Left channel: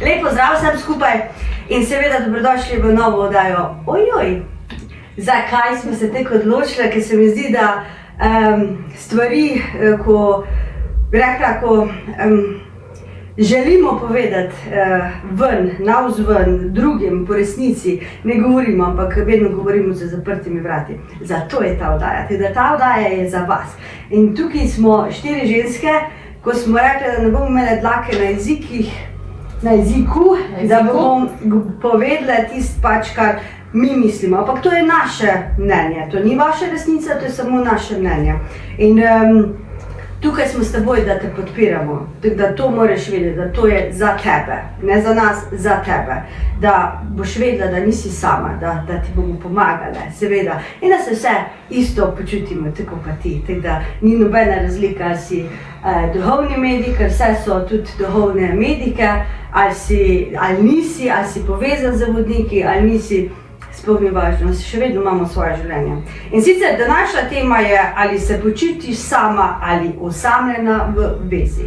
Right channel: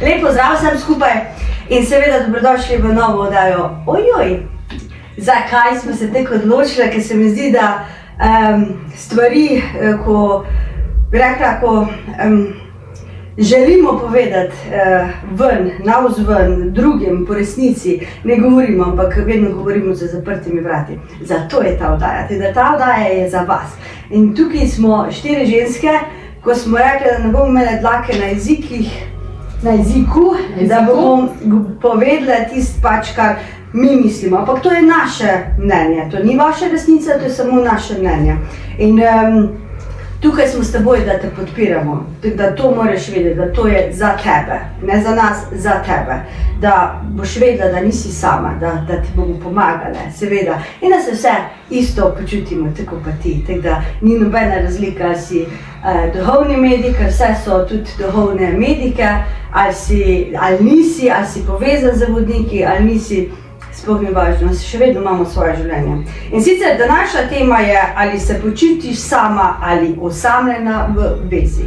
Lep pozdrav vsem skupaj in seveda dobrodošli v novo oddajo. Ojoj, zakaj smo se tako odločili, ker se mi zdi, da stvari, ko želimo povedati navzven, drugim po resnici, ne govorimo, ampak vedno govorimo za zaprtimi vrati. Zato je ta oddaja, ta oddaja je za vas. In tukaj smo 4 ženske, ko smo rekli, da ne bomo imeli dlake na jeziku, da bomo povedali tisto pač, kar mi mislimo. Ampak to je naše mnenje, to ni vaša resnica, to je samo naše mnenje. In tukaj smo s teboj, da te podpiramo, da to moraš vedeti, da to je za tebe, ne za nas, za tebe. Da boš vedela, da nisi sama, da ti bomo pomagali, seveda. In da se vse isto počutimo, tako pa ti. Tako da ni nobena razlika, ali si duhovni medij, ker vse so tudi duhovne medike, ali nisi, ali si povezan z vodniki, ali nisi. Sploh ni važno, še vedno imamo svoje življenje. In sicer današnja tema je, ali se počutiš sama ali osamljena v vezi.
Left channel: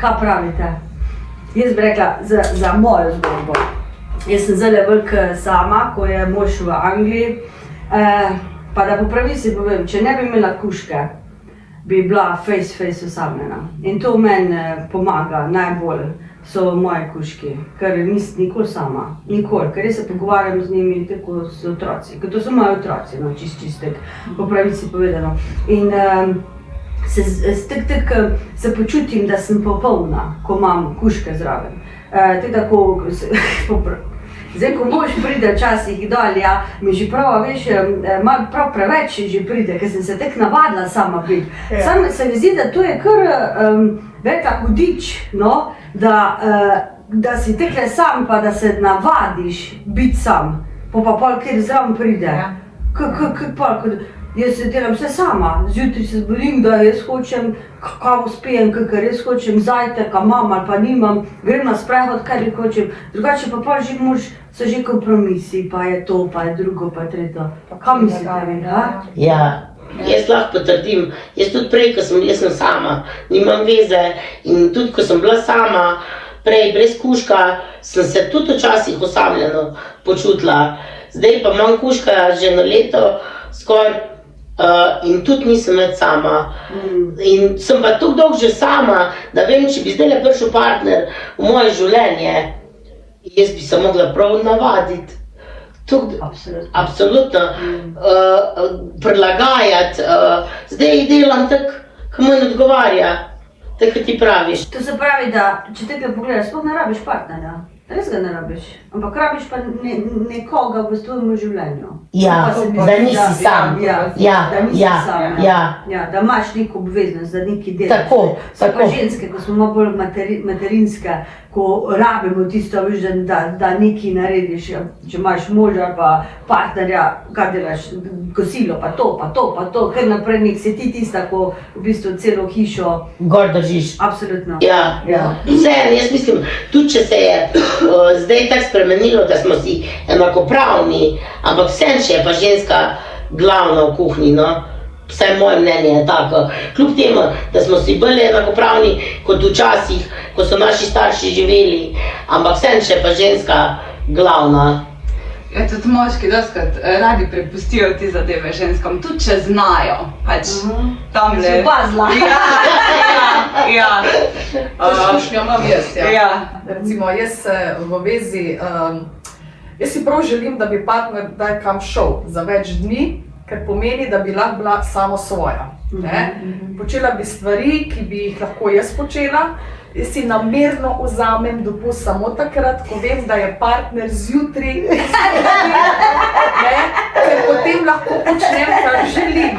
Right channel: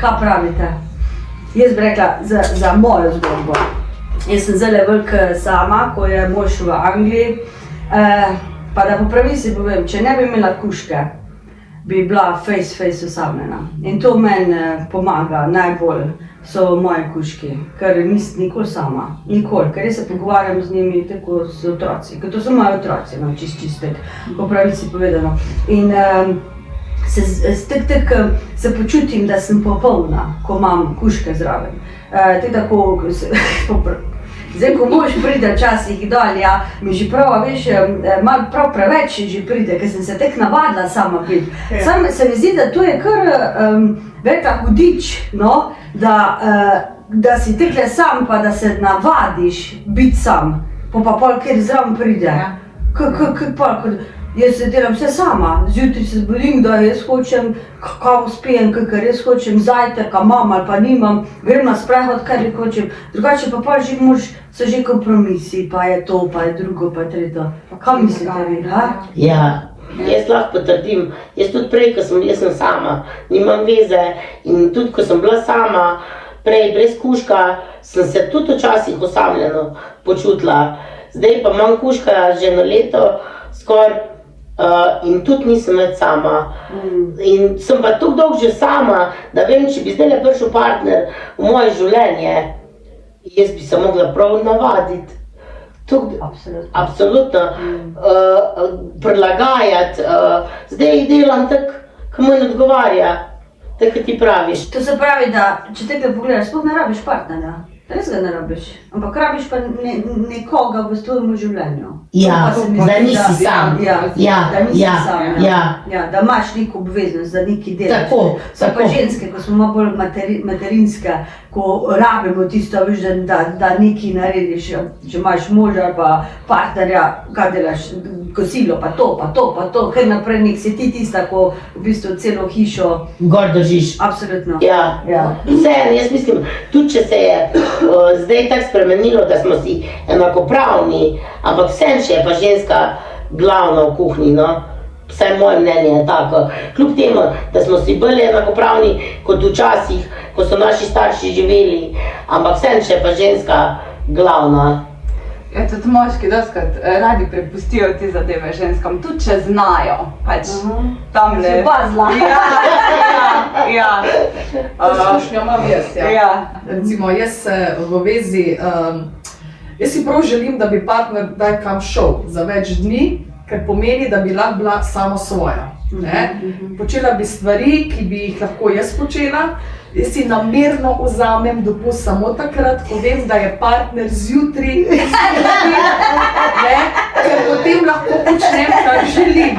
Kaj pravite? Jaz bi rekla za mojo zgodbo. Jaz sem zelo velika sama, ko je mož v Angliji. Pa da po pravici povem, če ne bi imela kužke, bi bila face osamljena. In to meni pomaga najbolj. So moji kužki, ker nisem nikoli sama, nikoli, ker jaz se pogovarjam z njimi tako z otroci, ker to so moji otroci, no, čistek, po pravici povedano. In se počutim, da sem popolna, ko imam kužke zraven. Zdaj, ko mož pride včasih dol, ja, mi že prav, veš, malo prav preveč že pride, ker sem se tek navadila sama biti. Sam se mi zdi, da to je kar velika hudič, no, da si tekle sam, pa da se navadiš biti sam, pa pol kjer zraven pride. Jaz se delam vse sama, zjutraj se zbudim, da jaz hočem kavo spijem, ker jaz hočem zajtrka, imam ali pa nimam, grem na sprehod, kar jaz hočem. Drugače pa pa že so že kompromisi, pa je to, pa je drugo, pa je tretje. Kaj mislite vi, ha? Ja, jaz lahko potrdim, jaz tudi prej, ko sem sama, nimam veze in tudi ko sem bila sama, prej brez kužka, sem se tudi včasih osamljeno počutila. Zdaj pa imam kužka že eno leto skoraj in tudi nisem več sama. In sem pa tako dolgo že sama, da vem, če bi zdaj prišel partner v moje življenje, jaz bi se mogla prav navaditi. Absolutno. Prilagajati. Zdaj delam tako, ko mi ne odgovarja, tako kot ti praviš. To se pravi, da če tekle pogledaš, sploh ne rabiš partnerja. Res ga ne rabiš, ampak rabiš pa nekoga v tvojemu življenju. Ja, da nisi sam. Da nisi sam, da imaš neko obveznost, da nekaj delaš. So pa ženske, ko smo malo bolj materinske, ko rabimo tisto, da nekaj narediš, če imaš moža ali pa partnerja, kaj delaš, kosilo, pa to, ker naprej nek si ti tista, ko v bistvu celo hišo gor držiš. Absolutno. Ja. Vseeno, jaz mislim, tudi če se je zdaj tako spremenilo, da smo si enakopravni, ampak vseeno še je pa ženska glavna v kuhinji, no. Vsaj moje mnenje je tako. Kljub temu, da smo si bolj enakopravni kot včasih, ko so naši starši živeli, ampak vseeno še je pa ženska glavna. Ja, tudi moški dostikrat radi prepustijo te zadeve ženskam, tudi če znajo, pač tamle. Si pa zna. Ja. Izkušnjo imam jaz, ja. Recimo, jaz se v vezi, jaz si prav želim, da bi partner kdaj kam šel za več dni, ker pomeni, da bi lahko bila samo svoja. Počela bi stvari, ki bi jih lahko jaz počela. Jaz si namerno vzamem dopust samo takrat, ko vem, da je partner zjutraj, ker potem lahko počnem, kar želim.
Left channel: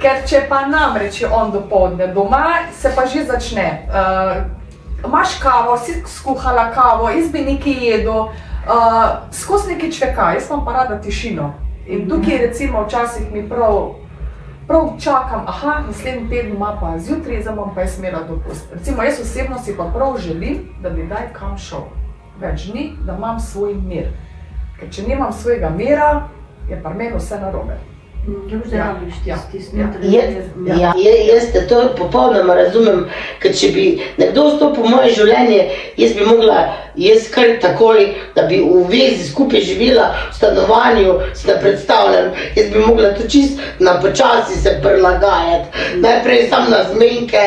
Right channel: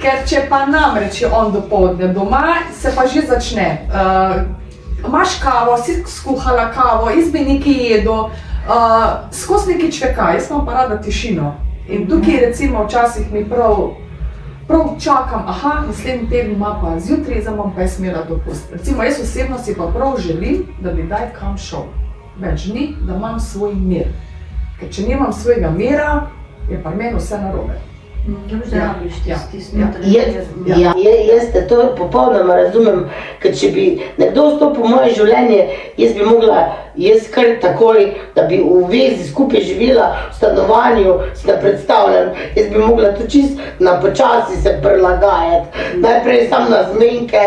Ker če pa namreč je on dopoldne doma, se pa že začne. Imaš kavo, si skuhala kavo, jaz bi nekaj jedel, skozi nekaj čveka, jaz imam pa rada tišino. In tukaj recimo včasih mi prav čakam, naslednji teden ima pa zjutraj, zdaj bom pa jaz imela dopust. Recimo, jaz osebno si pa prav želim, da bi kdaj kam šel. Več dni, da imam svoj mir. Ker če nimam svojega mira, je pa meni vse narobe. Da boš rabiš tisti Jaz te to popolnoma razumem, ker če bi nekdo vstopil v moje življenje, jaz bi mogla, jaz kar takoj, da bi v vezi skupaj živela v stanovanju, si ne predstavljam, jaz bi mogla to čist na počasi se prilagajati. Najprej sam na zmenke,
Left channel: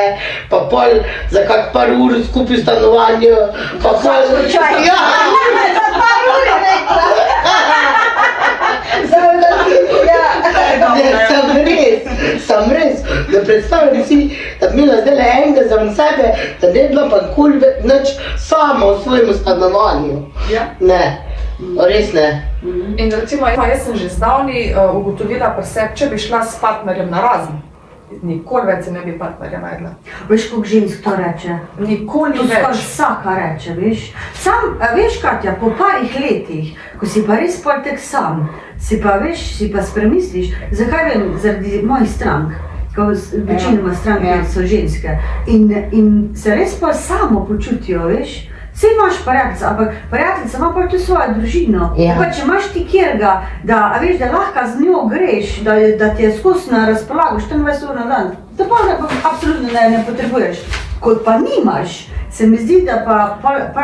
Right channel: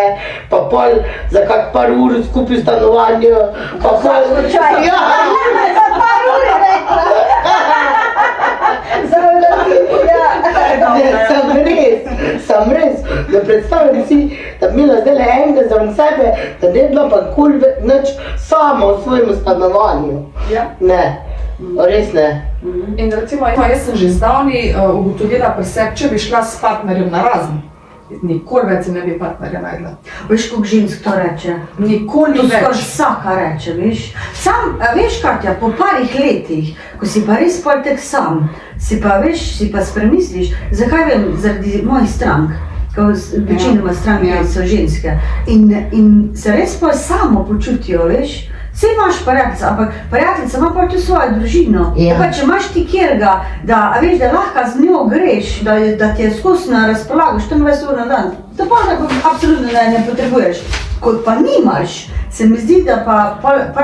pa pol za kak par ur skupaj v stanovanju, pa pol... Sem res, da predstavljam si, da bi imela zdaj enega za sebe, da ne bi bila pa nikoli nič sama v svojem stanovanju. Ne, res ne. In recimo, jaz sem že zdavni ugotovila pri sebi, če bi šla s partnerjem na razen, nikoli več se ne bi partnerja najdla. Veš, koliko žensk to reče? Nikoli To več. skoraj vsaka reče, veš. Sam, veš, Katja, po parih letih, ko si pa res pol tek sam, si pa, veš, si pa spremisliš, zakaj vem, zaradi mojih strank, ko večinoma stranke so ženske, in se res pa samo počutijo, veš. Vse imaš prijateljica, ampak prijateljica ima pa tudi svojo družino. Tako, če imaš ti kjerga, da, a veš, da lahko z njo greš, da ti je skozi na razpolago 24 ur na dan, to pa absolutno ne potrebuješ. Kot pa nimaš, se mi zdi, da pa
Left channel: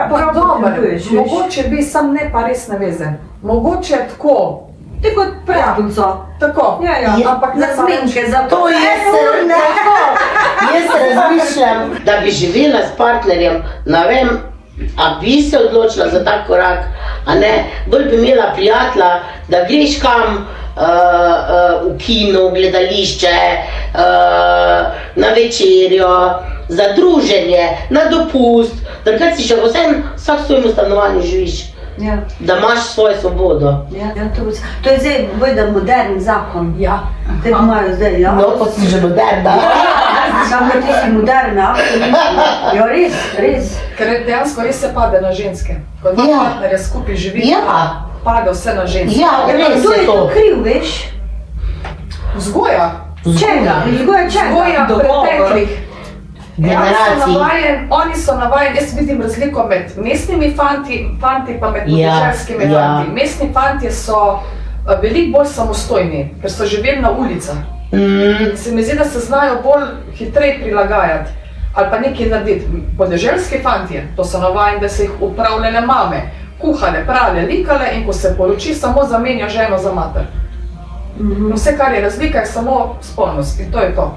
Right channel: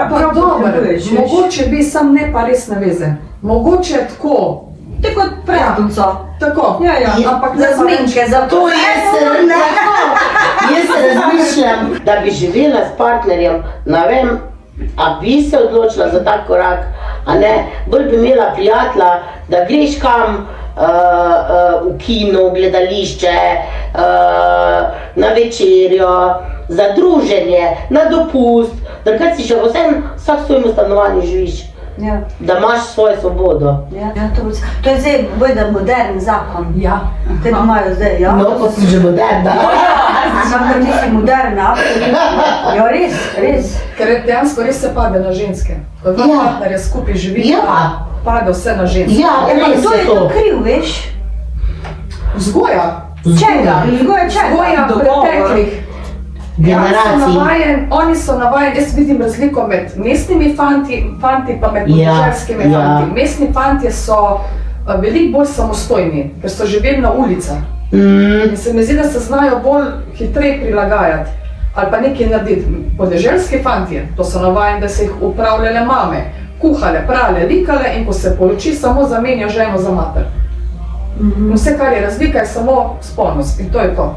potrebuješ. Mogoče bi sam ne pa res naveze. Mogoče tako. Te kot prijateljico. Tako. Ja, ampak za zmenke, za To jaz se razmišljam, da bi živela s partnerjem, ne vem, a bi se odločila za tak korak, a ne, bolj bi imela prijatelja, da greš kam v kino, v gledališče, na večerjo, za druženje, na dopust, da kar si še vsem vsak v svojem stanovanju živiš. Da imaš svojo svobodo. To je zdaj bojda modern zakon. Ja. Te imajo zdaj, ja. No, pa si že moderna. Zakon ti si moderna, absolutno. Ja, res. Ker dejansko res se pade na ženske. Ko dva partnerja skupaj živi, pade vse na ženske. Kdo je to kriv, veš? Vzgoja. Čega? Vzgoja preteklih. Generacij. Oni so navajeni, jaz vidim razliko med mestnimi fanti pa med podeželskimi fanti. Mestni fantje so veliko bolj samostojni, ker so živeli na ulicah. In se mi zdi, da se znajo bolj hitreje prilagajati ali pa nekaj narediti. Podeželski fantje, to so navajeni, da se jih upravljale mame, kuhale, prale, likale in ko se poroči, samo zamenja ženo za mater. Vse, kar je razlika, je samo spolnost in to je to.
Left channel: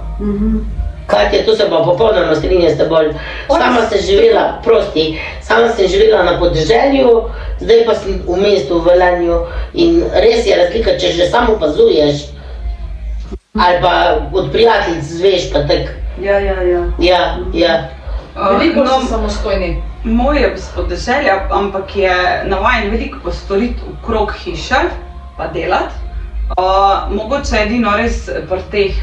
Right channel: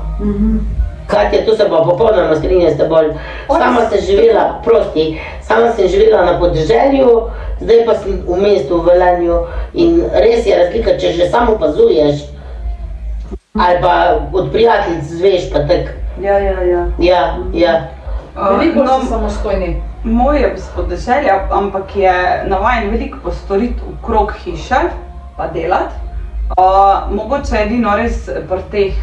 Katja, tu se pa popolnoma strinjam s teboj. Sama sem živela, sama sem živela na podeželju, zdaj pa sem v mestu v Velenju in res je razlika, če že samo opazuješ ali pa od prijateljic zveš pa tak. Ja. Veliko bolj so samostojni. Moj je s podeželja, ampak je navajen veliko postoriti okrog hiše pa delati. Mogoče edino res pri teh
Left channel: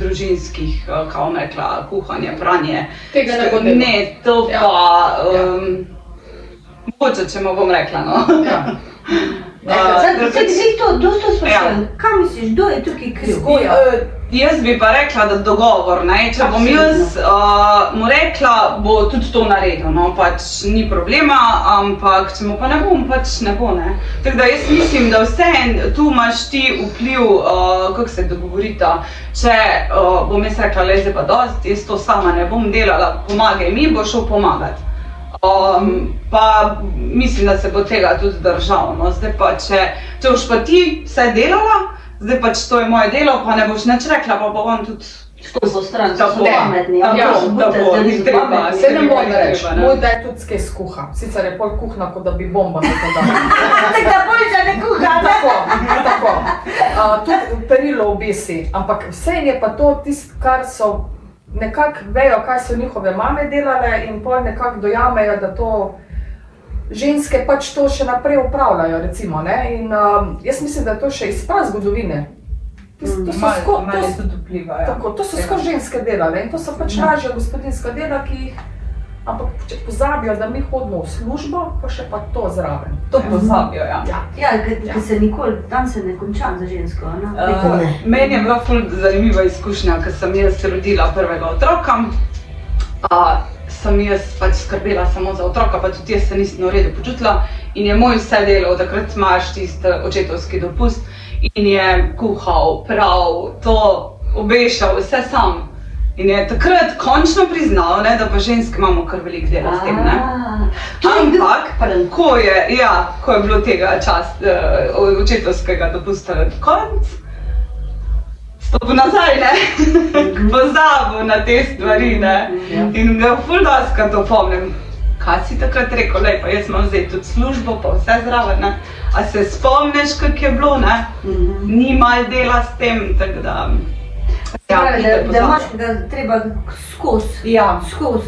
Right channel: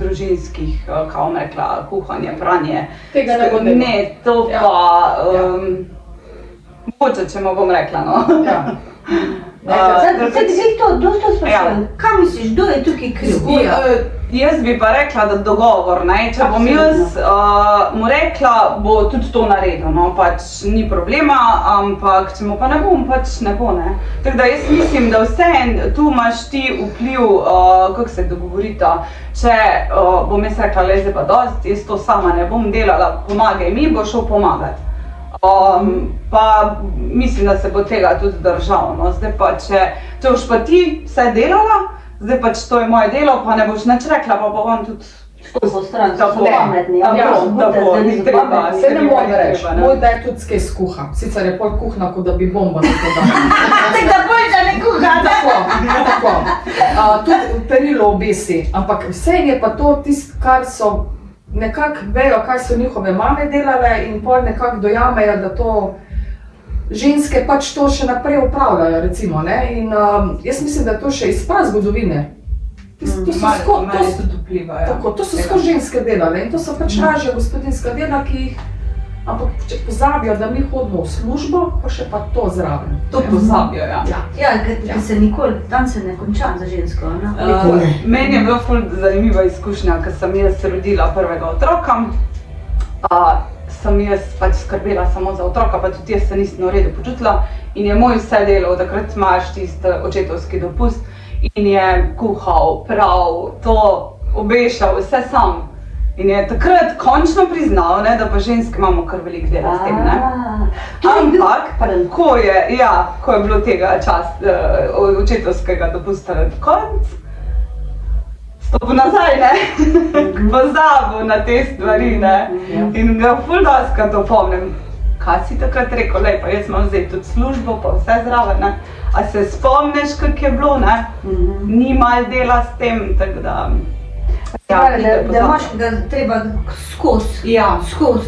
družinskih, kao rekla, kuhanje, pranje. Tega ne bo delo. Ne, to pa, mogoče, če mu bom rekla, no. Kaj misliš, kdo je tukaj kriv? Jaz bi pa rekla, da dogovor, ne, če bom jaz mu rekla, bo tudi to naredil, no, pač ni problema, ampak če mu pa ne bom, pač ne bo, ne. Tako da jaz mislim, da vseeno tu imaš ti vpliv, kako se dogovorita, če bom jaz rekla, le zdaj pa dosti, jaz to sama ne bom delala, pomagaj mi, bo šel pomagati. Pa mislim, da se bo tega tudi držal, no, zdaj pa če boš pa ti vse delala, zdaj pač to je moje delo, pa ne boš nič rekla, pa bo on tudi... Što so stran, so Tako, pametni. tako, ni treba, Se ne moj da treba, reči, ne. moj da je tudi skaj skuha. Sicer je pol kuhna, kot da bi bomba nekaj dala. Tako da boljša ne kuha. Tako. Tudi perilo obesi, ampak vse je pa to tisto, kar so nekako vejo, kaj so njihove mame delale in pol nekako dojamejo, da to ženske pač to še naprej upravljajo, recimo, ne? In jaz mislim, da je to še iz prazgodovine. Mali tudi vplivajo. Tako, to so skozi ženske delale in to so pač lažja gospodinjska dela, ki jih, ampak če pozabijo, da mi hodimo v službo, pa še pa to zraven. To pozabijo, ja. Ja, ker se nikoli, tam se ne konča za žensko, ne? Meni je bila ful zanimiva izkušnja, ko sem jaz rodila prvega otroka. Sem jaz pač skrbela samo za otroka, pa tudi jaz se nisem v redu počutila in je moj vse delal, takrat imaš tisti očetovski dopust in je kuhal, prav, to obešal, vse sam. In je takrat končno priznal, ne, da pa ženske imamo kar veliko dela s tem. Ne. Ampak, ko je bilo tega očetovskega dopusta konc, stopil nazaj, ne, pozabil na te stvari, ne, in ga ful doskrat opomnim. Kaj si takrat rekel, lej, pa jaz imam zdaj tudi službo, pa vse zraven, ne, a se spomniš, kak je bilo, ne, ni malo dela s tem, tako da... Da moškega treba skozi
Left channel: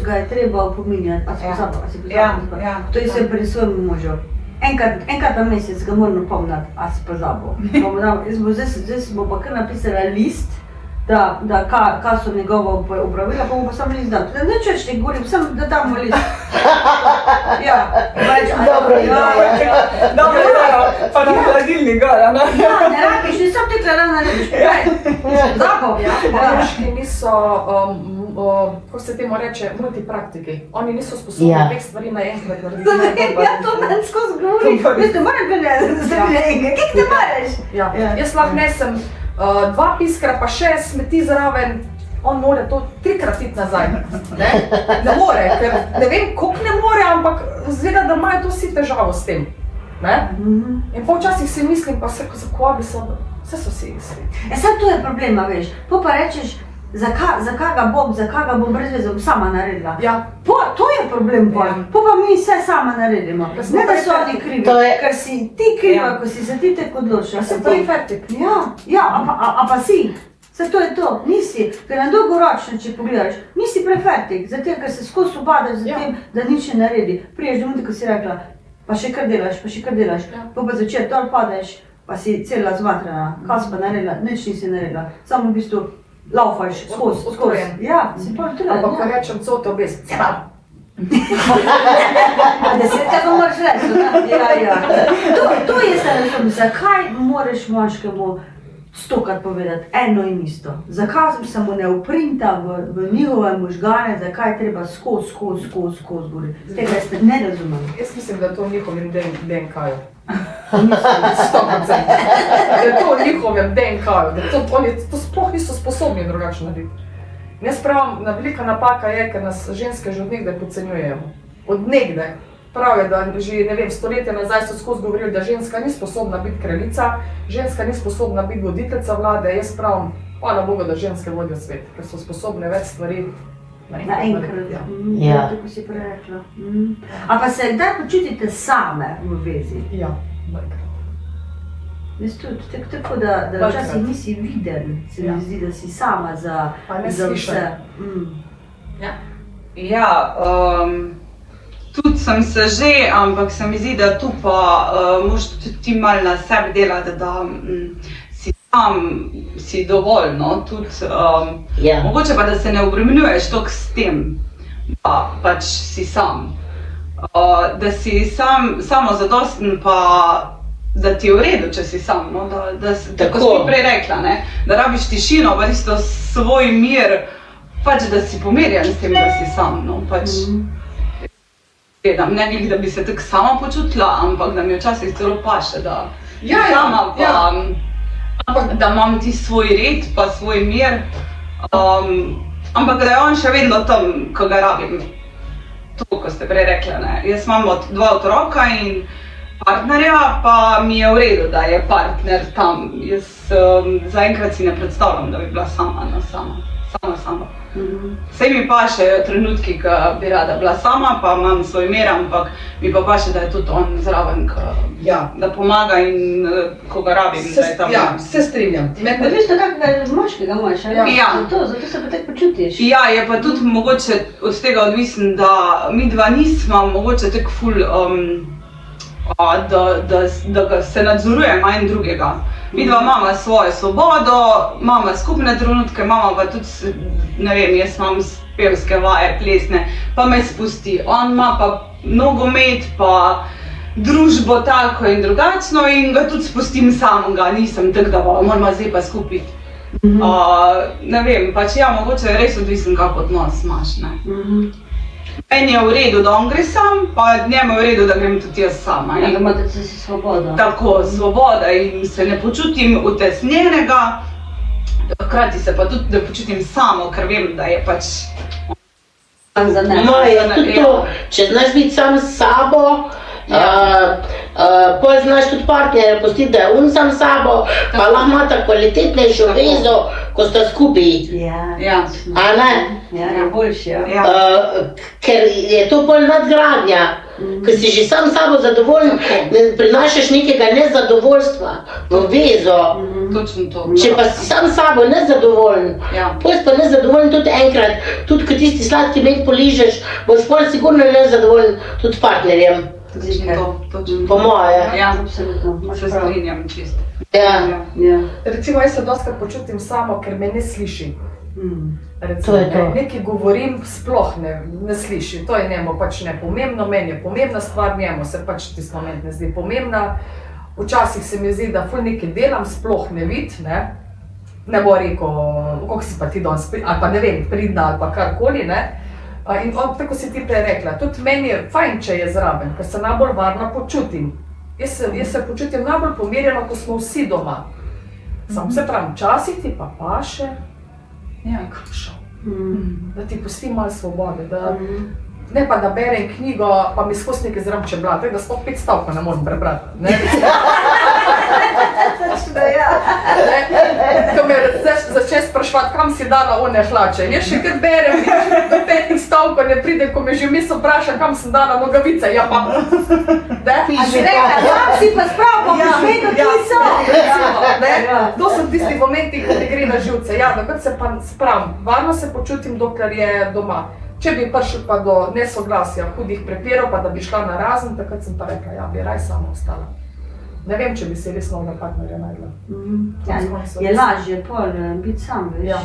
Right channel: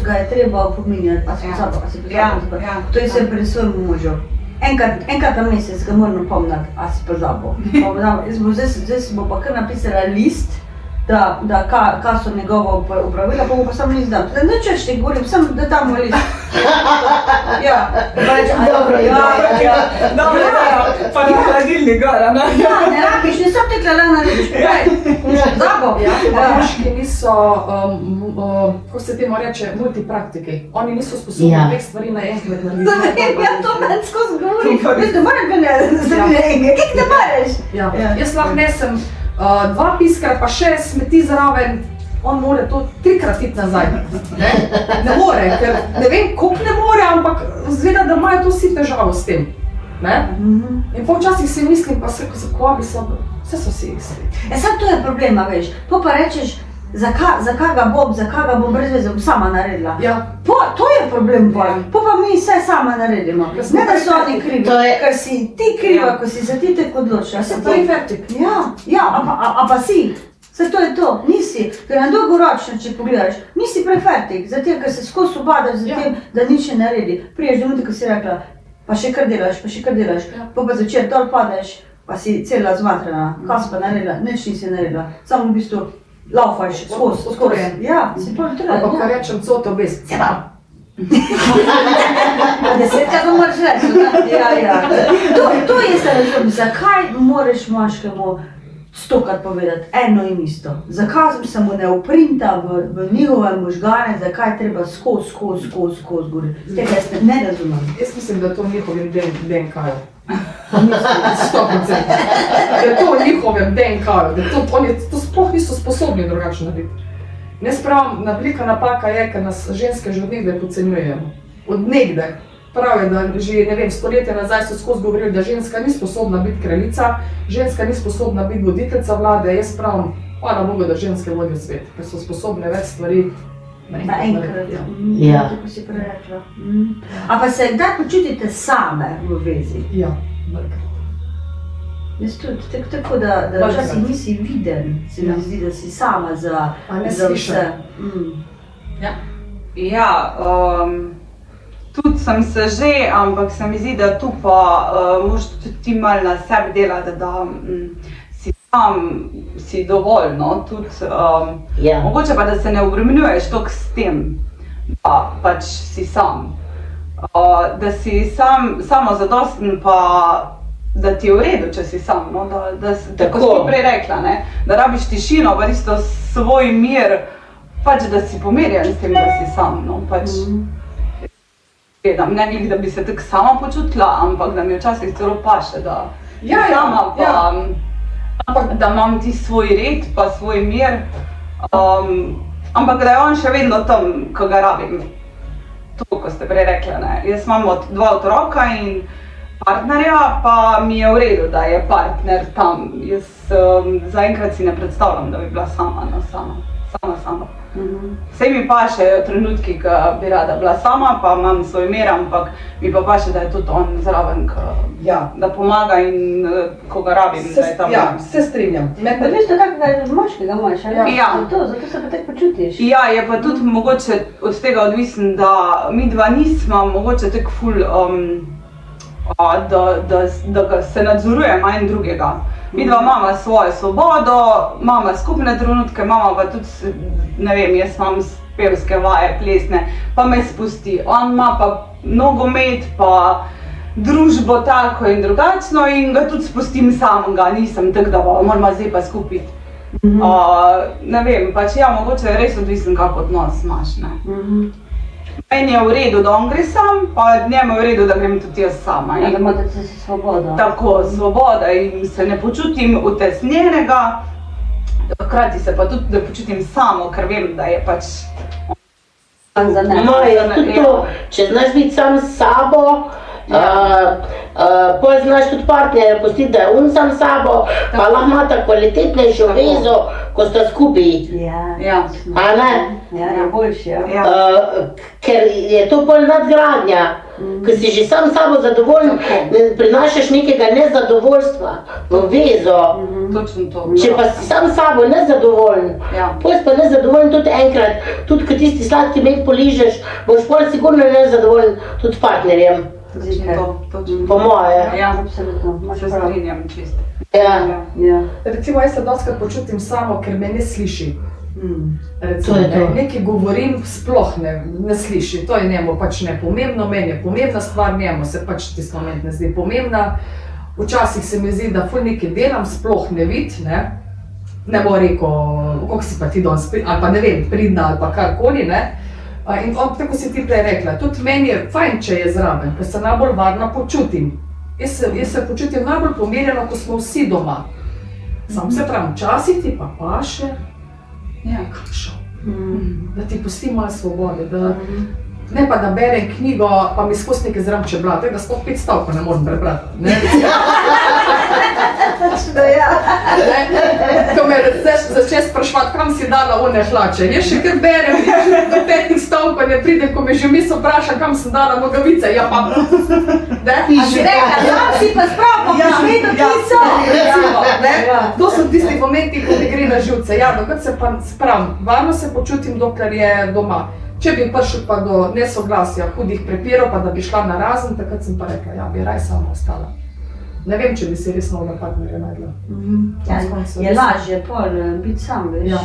ga je treba opominjati, a se pozabil. To je se pri svojemu možu. Enkrat na mesec ga moram opomniti, a si pozabil. Zdaj si bo pa kar napisala list, da kaj so njegova opravila, pa bo pa sam list dal. Ne češ, ne govorim, samo da damo list. Ja, pa reče, pa ni hladilni gara, ne? Ja, ne rabiš, ne sam tekla lana narediš, zabo. Moški niso, ko se temu reče, multipraktiki. Oni niso sposobni dveh stvari naenkrat narediti. Ja, to meni skozi govorim. Jaz ne morem gledati za enega, kak ne moreš? Jaz lahko nesem 2 piskra pa 6 smeti zraven, on mora to 3-krat iti nazaj. Ne more, ker ne vem, koliko ne more, ampak zgleda, da imajo to vsi težavo s tem. In včasih si mislim, pa se ko bi se, vse so vsi isti. Sad to je problema, veš, pa rečeš, zakaj ga bom brez veze sama naredila. To je problem bolj, pa mi vse sama naredimo. Ne da so oni krivi, ker si ti kriva, ko si se ti tako odločila. Se to je fertik. Ja, a pa si. Vse to je to, nisi, ker na dolgoročno, če pogledaš, nisi prefertik, zato ker se skozi ubadaš za tem, da nič ne naredi. Priješ do minuti, ko si rekla, pa še kar delaš, pa začer dol padeš, pa si cela zmatrana, kaj si pa naredila, nič nisi naredila, samo v bistvu laufaš skozi. Ja, si pol treba. Ampak ko rečem cote obez, ceba. 10-krat to moraš reči, ja. To je se razum, zakaj moraš moškemu 100-krat povedati eno in isto. Zakaj se mu ne uprinta v njihove možgane, zakaj treba skozi govoriti. Tega jaz ne razumem. Jaz mislim, da je to v njihovem DNK-ju. 100%. Da je to v njihovem DNK-ju, da oni to sploh niso sposobni drugače narediti. Jaz pravim, velika napaka je, ker nas ženske že od nekdaj podcenjujemo. Od nekdaj. Prav je, da že, ne vem, stoletja nazaj so skozi govorili, da ženska ni sposobna biti kraljica, ženska ni sposobna biti voditeljica vlade. Jaz pravim, hvala Bogu, da ženske vodijo svet, ker so sposobne več stvari naenkrat. Ja, tako si prerekla. A pa se kdaj počutite same v vezi? Ja, velikrat. Jaz tudi, tako da včasih nisi viden, se mi zdi, da si sama za vse. Tudi sem se že, ampak se mi zdi, da tu pa moraš tudi ti malo na sebi delati, da si sam, si dovolj, no, tudi mogoče pa, da se ne obremenjuješ toliko s tem, da pač si sam. Da si samozadosten pa da ti je v redu, če si sam, no, tako si prej rekla, ne, da rabiš tišino, pa tisto svoj mir, pač da si pomirjen s tem, da si sam, no, pač ne glede, da bi se tako sama počutila, ampak da mi včasih celo paše, da sama pa, da imam ti svoj red pa svoj mir, ampak da je on še vedno tam, ko ga rabim. To, ko ste prej rekla, ne, jaz imam 2 otroka in partnerja, pa mi je v redu, da je partner tam. Jaz zaenkrat si ne predstavljam, da bi bila sama. Sej mi paše trenutki, ko bi rada bila sama, pa imam svoj mir, ampak mi pa paše, da je tudi on zraven, da pomaga in ko ga rabim, da je tam. Ja, se strinjam. Pa veš, da kakega moškega imaš, ali? Zato se pa tako počutiš. Ja, je pa tudi mogoče od tega odvisen, da mi dva nismo mogoče tako ful, da se nadzorujemo en drugega. Mi dva imamo svojo svobodo, imamo skupne trenutke, imamo pa tudi, ne vem, jaz imam pevske vaje, plesne, pa me spusti. On ima pa nogomet, pa družbo tako in drugačno in ga tudi spustim samega, nisem tako, da moramo zdaj pa skupaj. Ne vem, pač ja, mogoče je res odvisen, kak odnos imaš, ne. Meni je v redu, da on gre sam, pa njemu je v redu, da grem tudi jaz sama. Da imate si svobodo. Tako, svoboda in se ne počutim utesnjenega, hkrati se pa tudi ne počutim samo, ker vem, da je pač Za ne. Maja, tudi to, če znaš biti sam s sabo, pol znaš tudi partnerja pustiti, da je on sam s sabo, pa lahko imata kvalitetnejšo vezo, ko sta skupaj. Ja. A ne? Ja, boljši, ja. Ja. Ker je to pol nadgradnja, ko si že sam s sabo zadovoljen, ne prinašaš nekega nezadovoljstva v vezo. Točno to. Če pa si sam s sabo nezadovoljen, Ja. pol si pa nezadovoljen tudi enkrat, tudi ko tisti sladki med poližeš, boš pol sigurno nezadovoljen tudi s partnerjem, Točno to, točno po to. moje. Ja, Absolutno, imaš se prav. strinjam čisto. Ja. Ja. Recimo, jaz se dostakrat počutim samo, ker me ne sliši. Recimo, To je to. nekaj govorim, sploh ne sliši. To je njemu pač nepomembno, meni je pomembna stvar, njemu se pač tisti moment ne zdi pomembna. Včasih se mi zdi, da ful nekaj delam, sploh ne vidi, ne bo rekel, koliko si pa ti danes, ali pa ne vem, pridna ali pa karkoli, ne. In on, tako si ti prej rekla, tudi meni je fajn, če je zraven, ker se najbolj varno počutim. Jaz se počutim najbolj pomirjeno, ko smo vsi doma. Sam se pravim, včasih ti pa paše, kakšo, da ti pusti malo svobode, ne pa da berem knjigo, pa mi skozi nekaj zraven čebla, tako da sploh 5 stavkov ne morem prebrati. Točno, ja. Ko me začne spraševati, kam si dala one hlače. Jaz še kar berem, do 5 stavkov ne pridem, ko me že misel vpraša, kam sem dala nogavice. Ja pa, A si rekla, tam si pa sprav, pa boš vedel, kje so. recimo, Ja. to so tisti momenti, ko mi gre na živce. Ja, dokrat se pa spravim, varno se počutim, dokler je doma. Če bi prišel pa do nesoglasja, hudih prepirov, pa da bi šla na razen, takrat sem pa rekla, ja, bi raj sama ostala. Ne vem, če bi si res novega partnerja najdla. Je lažje pol biti sam, veš. Ja.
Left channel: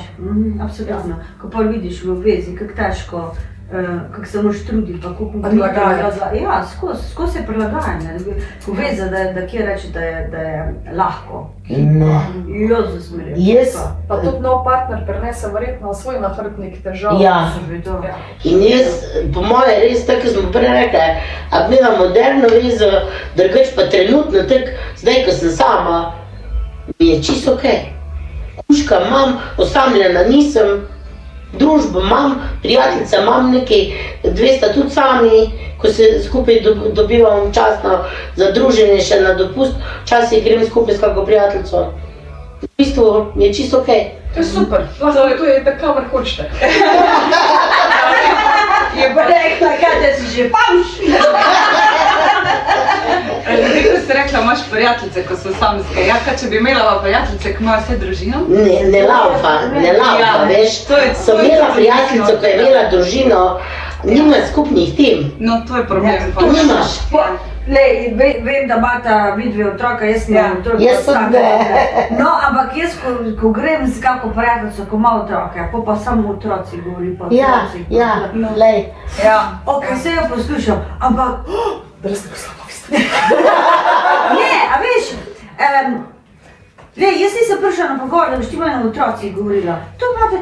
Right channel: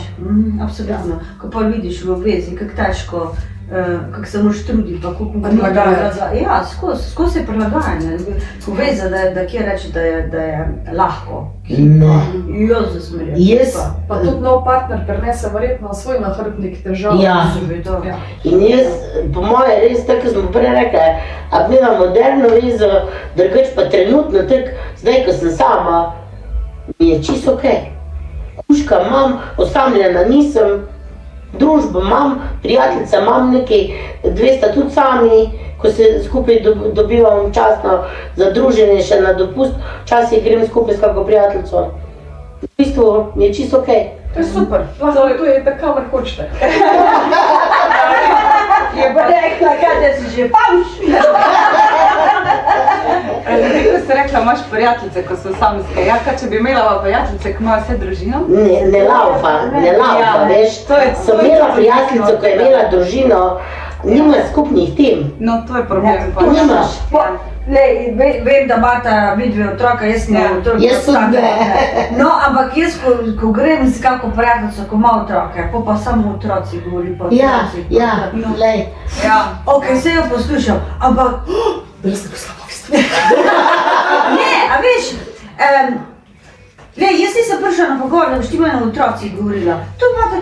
Absolutno. Ko pol vidiš v vezi, kako težko, kako se moraš truditi, pa koliko Prilagajati. Ja, skozi je prilagajanje. Ko veza, da kje reče, da je lahko. Jo zasmerja. Jaz, Pa tudi nov partner prenese verjetno svoj nahrbtnik težav. Ja. Ja. in jaz, po moje, res tako, kot smo prej rekli, a bi imela moderno vezo, drugače pa trenutno tako, zdaj, ko sem sama, mi je čisto okej. Kužka imam, osamljena nisem, družbo imam, prijateljica imam nekaj, 2 sta tudi sami, ko se skupaj dobivamo časno za druženje še na dopust, včasih grem skupaj s kako prijateljico. V bistvu mi je čisto okej. To je super. Lahko to je tako, kamor hočete. Je bo rekla, kaj da si že pavš. Zdaj, ko si rekla, imaš prijateljice, ko so samske. Ja, kaj če bi imela prijateljice, ki imajo vse družino? Ne laufa, Ja, veš. to je- Sem imela prijateljico, ko je imela družino, nima skupnih tem. No, to je problem. Ja, pač. nimaš. Lej, vem, da imata vidve otroka, jaz nimam Ja. otroka. Jaz tudi ne. No, ampak jaz, ko grem z kako prijateljico, ko ima otroke, pa samo otroci govori po otrocih. lej. Ja. Ok, vse jo poslušam, ampak Da ste poslala v ne, a veš, jaz nisem prišla na pogovor, da boš ti meni o otrocih govorila.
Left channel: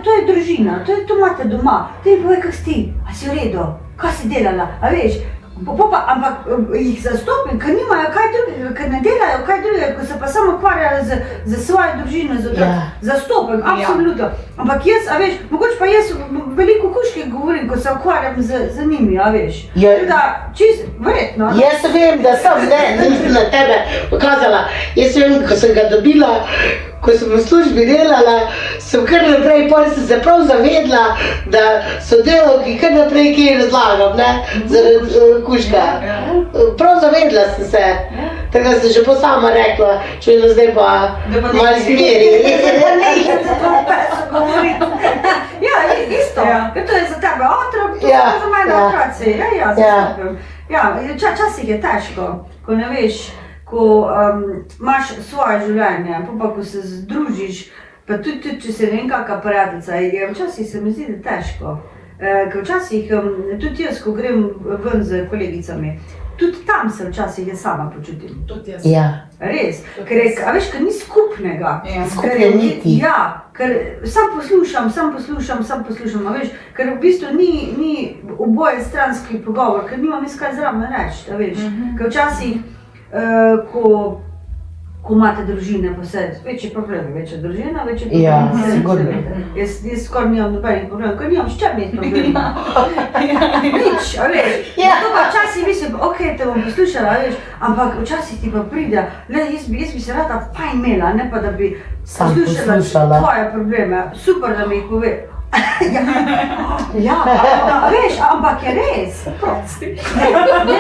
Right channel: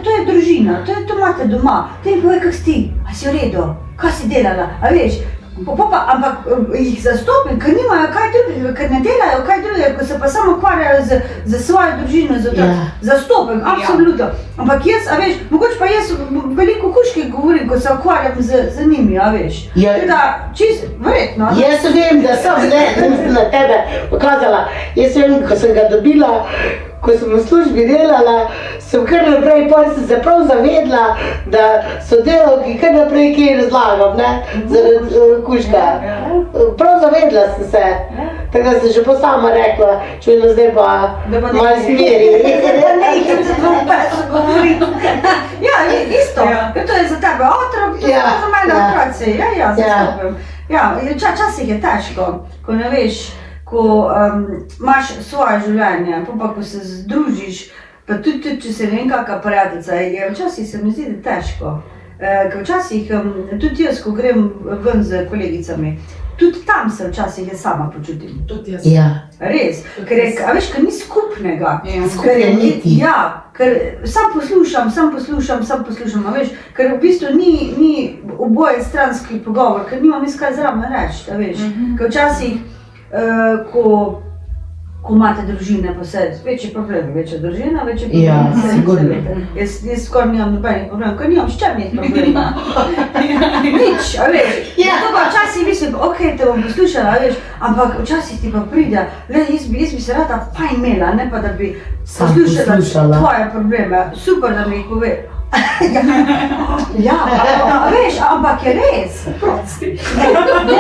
To je družina, to imate doma. Ti mi povej, kak si ti, a si v redu, kaj si delala, a veš. Ampak jih zastopim, ker nimajo kaj drugega, ker ne delajo kaj drugega, ko se pa samo ukvarjajo z svojo družino, z otroki. Ja. Zastopim, absolutno. Ampak jaz, a veš, mogoče pa jaz veliko kužke govorim, ko se ukvarjam z njimi, a veš. Ja. Tega, čisto, verjetno. Jaz vem, da sem nisem na tebe pokazala. Jaz vem, ko sem ga dobila, ko sem v službi delala, sem kar naprej, pol sem se prav zavedla, da so delavki kar naprej kaj razlagam, ne, zaradi kužka. Prav zavedla sem se, tako da sem že po sama rekla, če me zdaj pa malo smeri. Ja, isto, Ja. ker to je za tebe otrok, to je Ja, za mene ja. otroci. Ja, zastopim. Ja, včasih je težko, ko ne veš, ko imaš svoje življenje, pa ko se združiš, pa tudi če si ne vem kakšna prijateljica, včasih se mi zdi, da je težko. Ker včasih, tudi jaz, ko grem ven z kolegicami, tudi tam se včasih jaz sama počutim. Tudi jaz. Ja. Res, a veš, ker ni skupnega. Ja. Skupne niti. Ja, ker sam poslušam, a veš, ker v bistvu ni oboje stranski pogovor, ker nimam jaz kaj zraven reči, a veš. Ker včasih, ko imate družine pa vse, večji problem, večja družina, večji problem. Ja, vse, sigurno. veste. Jaz skoraj nimam nobenih problemov, ker nimam s čem imeti problema. Nič, a veš. Ja. To pa včasih mislim, ok, te bom poslušala, a veš, ampak včasih ti pa pride, jaz bi se rada fajn imela, ne pa da bi Sam poslušala poslušala. tvoje probleme. Super, da mi jih pove. Ja, a veš, ampak je res. Prosti.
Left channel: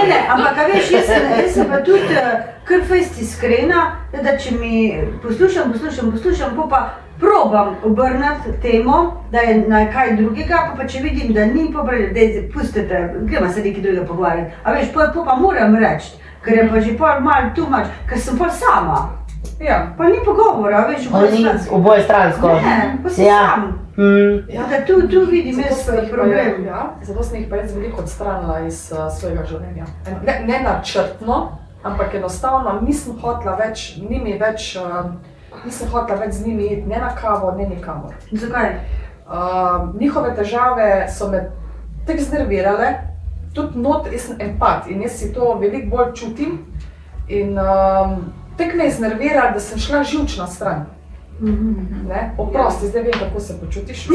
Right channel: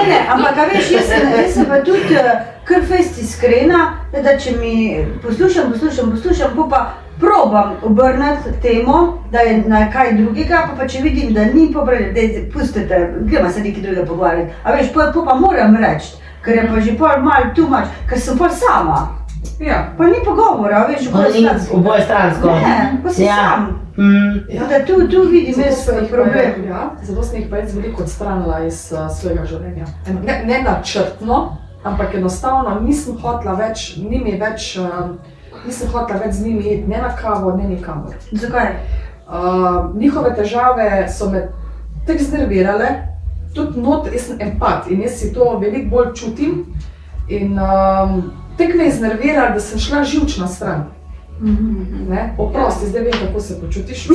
Ne, ampak a veš, jaz sem pa tudi kar fejst iskrena, da če mi poslušam, pa probam obrniti temo, da je na kaj drugega, pa če vidim, da ni pobrali, daj, pustite, gremo se nekaj drugega pogovarjati. A veš, pa moram reči, ker je pa že pol malo too much, ker sem pol sama. Ja. Pa ni pogovora, veš, Oboje stransko. Ne, pa si sam. Ja. Da tu vidim Zato jaz sem jih pa problem. zato sem jih pa jaz veliko odstranila iz svojega življenja. Ne načrtno, ampak enostavno nisem hotela več z njimi iti ne na kavo, ne nikamor. Zakaj? Njihove težave so me tako znervirale, tudi jaz sem empat in jaz si to veliko bolj čutim in tako me je znerviralo, da sem šla živčna stran. Ne? Oprosti, zdaj vem, kako se počutiš.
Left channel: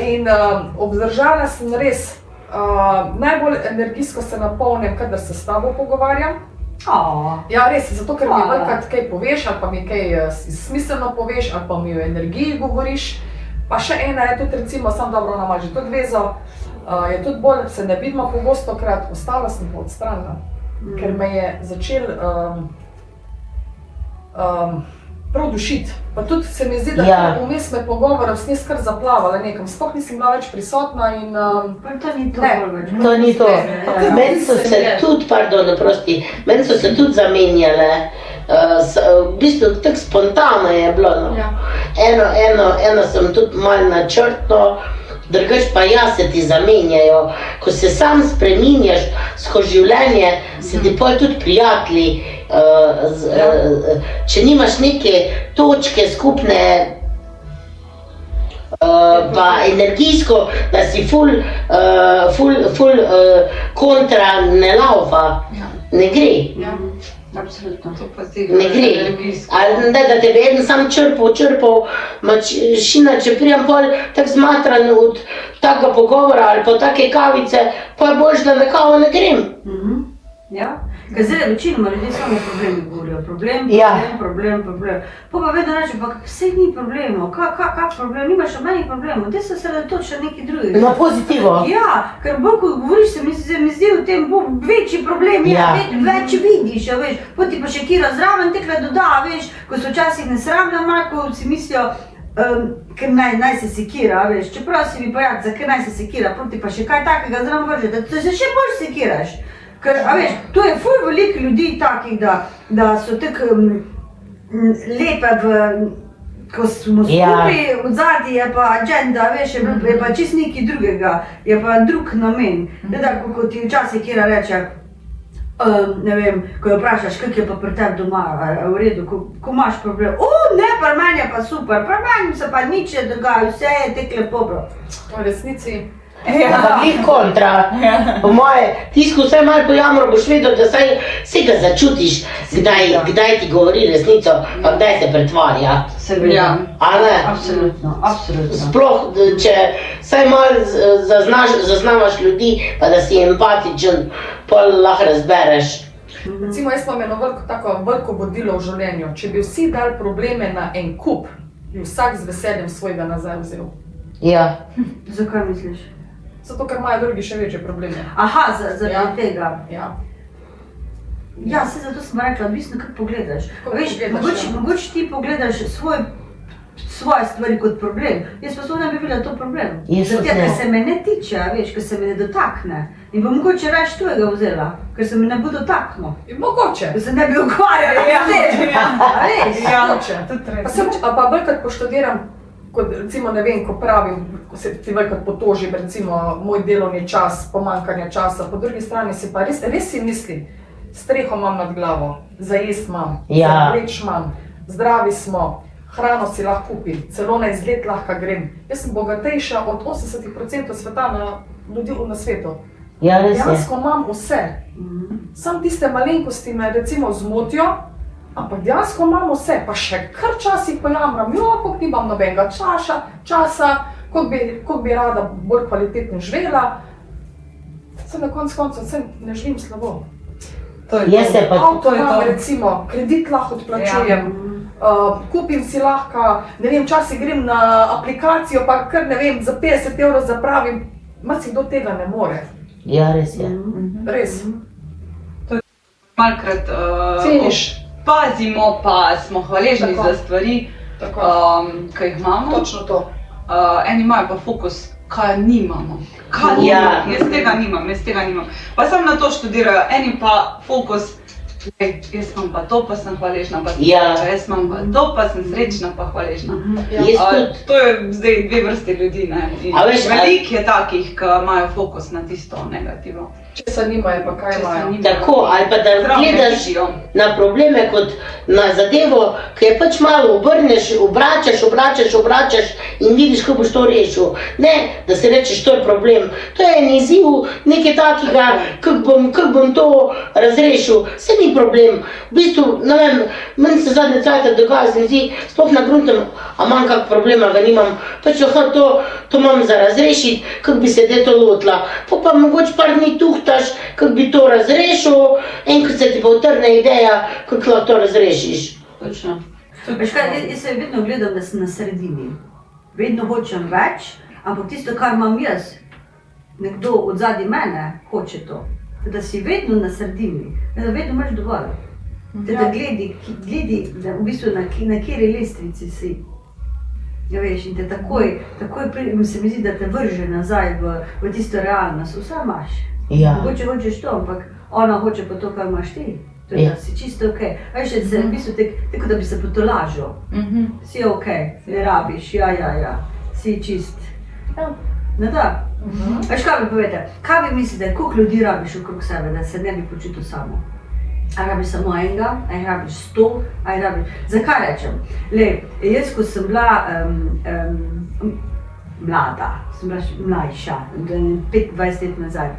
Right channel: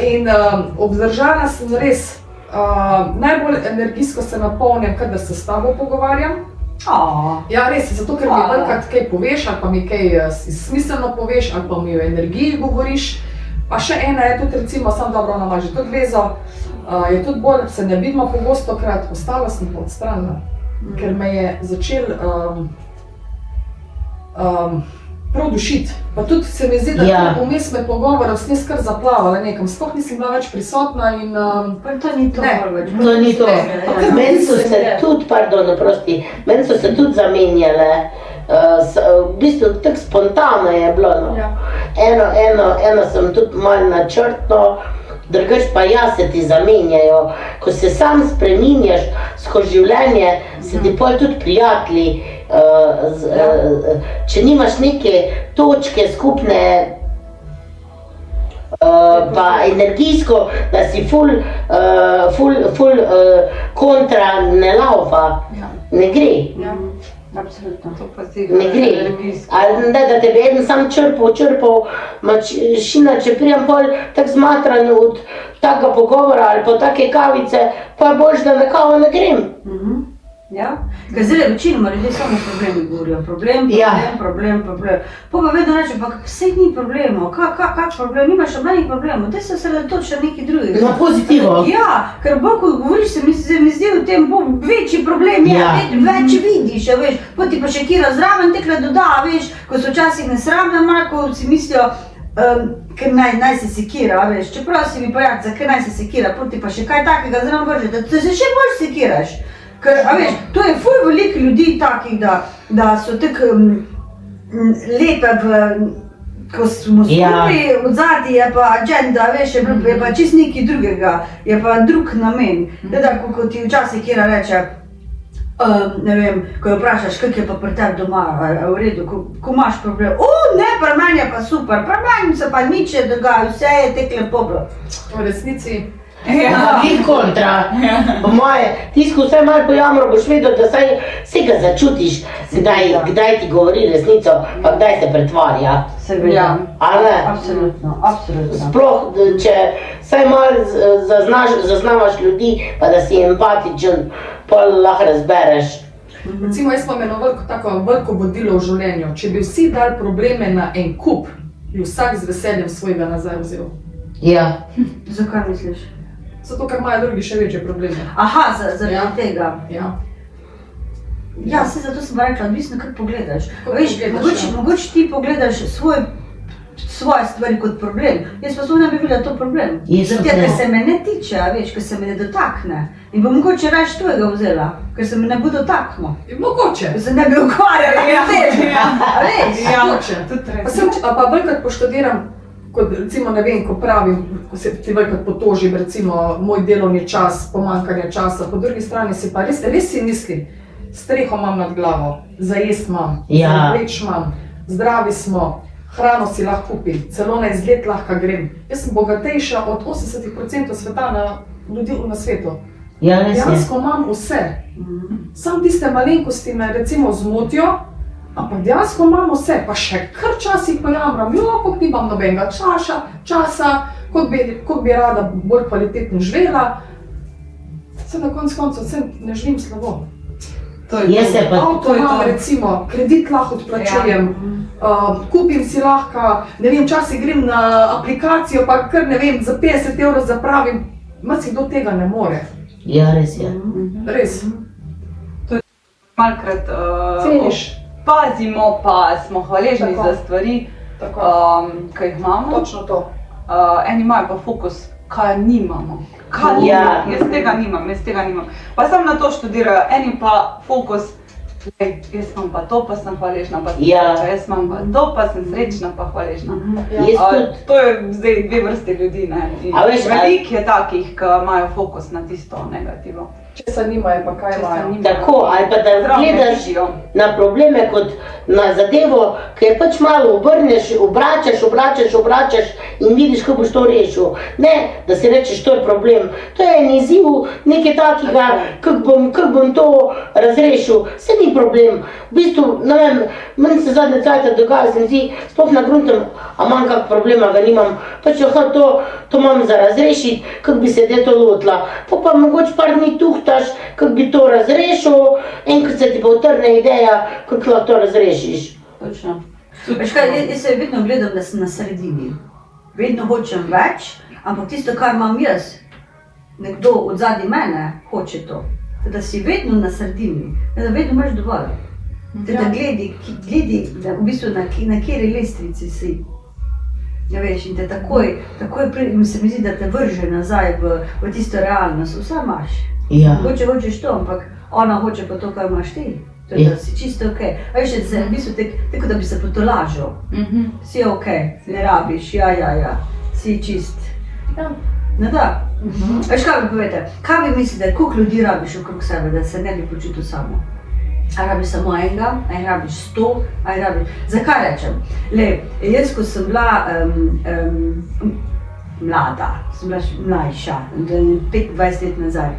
In obdržala sem res, najbolj energijsko se napolnim, kadar se s tabo pogovarjam. Ja, res, zato ker mi velikokrat kaj poveš, ali pa mi kaj smiselno poveš, ali pa mi o energiji govoriš. Pa še ena je tudi, recimo, sam dobro nama že tudi vezo, je tudi bolj, da se ne vidimo pogostokrat, ostala sem pa odstranila, ker me je začel prav dušiti. Pa tudi se mi zdi, da vmes me pogovorov sem kar zaplavala nekam, sploh nisem bila več prisotna in Pa to ni to več. To ni to. Meni so se tudi, meni so se tudi zamenjale. V bistvu tako spontano je bilo. No. Eno sem tudi malo načrtno, drugače pa se ti zamenjajo. Ko se sam spreminjaš skozi življenje, se ti pol tudi prijatelji. Če nimaš neke točke skupne, pa energijsko, da si ful kontra ne laufa, ne gre. Absolutno. Ne gre. Ali ne, da te bi eden sam črpal, mačina, če prijem pol tako zmatran od takega pogovora ali pa take kavice, pa je boljše, da na kavo ne grem. Ja, ker zdaj večinoma ljudje samo o problemi govorijo, problem. Pa vedno reče, pa vse ni problemov, kak problem, nimaš nobenih problemov, daj se osredotoči na nekaj drugega. Na pozitivo. Ja, ker bolj ko govoriš, se mi zdi v tem večji problem, več vidiš, veš, pa ti pa še kira zraven tekle doda, veš, ko so včasih nesramne, ko si mislijo, ker naj se sekira, veš, čeprav si mi pojad, zakaj naj se sekira, pa ti pa še kaj takega zraven vrže, da se še bolj sekiraš. Ker, a veš, to je ful veliko ljudi takih, da so tako lepe ko smo skupaj, odzadaj je pa agenda, veš, je pa čisto nekaj drugega, je pa drug namen. Ko ti včasih kjera reče, ne vem, ko jo vprašaš, kak je pa pri tebi doma, v redu, ko imaš problem, ne, pri meni je pa super, pri meni se pa nič ne dogaja, vse je tek lepo bilo. V resnici. Ti kontra. Po moje, tisko vse malo pojamro, boš vedel, da se ga začutiš, kdaj ti govori resnico, pa kdaj se pretvarja. Seveda. Ali ne? Absolutno. Sploh, če vsaj malo zaznavaš ljudi, pa da si empatičen, pa lahko razbereš. Recimo, jaz imam eno veliko vodilo v življenju. Če bi vsi dali probleme na en kup, bi vsak z veseljem svojega nazaj vzel. Ja. Zakaj misliš? Zato, ker imajo drugi še večje probleme. Aha, zaradi tega. Ja, se zato sem rekla, odvisno kak pogledaš. Veš, mogoče ti pogledaš svoje stvari kot problem. Jaz pa ne bi videla to problem. Zato, ker se me ne tiče, veš, ker se me ne dotakne. In pa mogoče raje tvojega vzela, ker se me ne bo dotaknil. Mogoče. Ker se ne bi ukvarjala s tem. Mogoče. Pa velikrat poštudiram kot recimo, ne vem, ko pravim, ko se ti velikrat potožim, recimo, moj delovni čas, pomanjkanje časa, po drugi strani si pa res si misli, streho imam nad glavo, za jest imam, za vleč imam, zdravi smo, hrano si lahko kupim, celo na izlet lahko grem. Jaz sem bogatejša od 80% sveta ljudi na svetu. Ja, res je. Dejansko imam vse. Sam tiste malenkosti me recimo zmotijo, ampak dejansko imam vse, pa še kar časih pojamram, kako nimam nobenega časa, kot bi rada bolj kvalitetno živela. Se na koncu ne živim slabo. Avto imam, recimo, kredit lahko odplačujem, kupim si lahko, ne vem, včasih grem na aplikacijo, pa kar ne vem, za 50 € zapravim, marsikdo tega ne more. Ja, res je. Res. Malkrat pazimo, pa smo hvaležni za stvari, ki jih imamo. Točno to. Eni imajo pa fokus, kaj nimamo. Kaj nimamo? Jaz tega nimam. Pa sam na to študirajo, eni pa fokus, jaz imam pa to, pa sem hvaležna, pa jaz imam pa to, pa sem srečna, pa hvaležna. To je zdaj dve vrste ljudi, ne? Veliko je takih, ki imajo fokus na tisto negativo. Če se nimajo, pa kaj imajo? Tako, ali pa da gledaš na probleme kot na zadevo, ki je pač malo obrneš, obračaš in vidiš, kako boš to rešil. Ne, da si rečeš, to je problem. To je en izziv, nekaj takega, kako bom to razrešil. Se ni problem. V bistvu, ne vem, meni se zadnje cajta dogaja, se mi zdi, sploh na gruntem, a imam kak problem, ga nimam. Pač to imam za razrešiti, kako bi se to lotila. Pa mogoče par dni tuhtaš, kako bi to razrešil, enkrat se ti pa utrne ideja, kako lahko to razrešiš. Točno. Veš kaj, jaz se vedno gledam, da sem na sredini. Vedno hočem več, ampak tisto, kar imam jaz, nekdo od zadnji mene hoče to. Da si vedno na sredini, da vedno imaš dovolj. Da gledi, da v bistvu na kateri lestvici si. Ja, veš, in te takoj se mi zdi, da te vrže nazaj v tisto realnost. Vse imaš. Mogoče hočeš to, ampak ona hoče pa to, kar imaš ti. Da si čisto okej. Veš, da se v bistvu tako, da bi se potolažil. Si okej, ne rabiš, ja, si čist. No da. Veš, kaj bi povedal? Kaj bi mislite, koliko ljudi rabiš okrog sebe, da se ne bi počutil samo? A rabiš samo enega, a rabiš 100, a rabiš... Zakaj rečem? Jaz, ko sem bila mlada, sem bila mlajša, 25 let nazaj,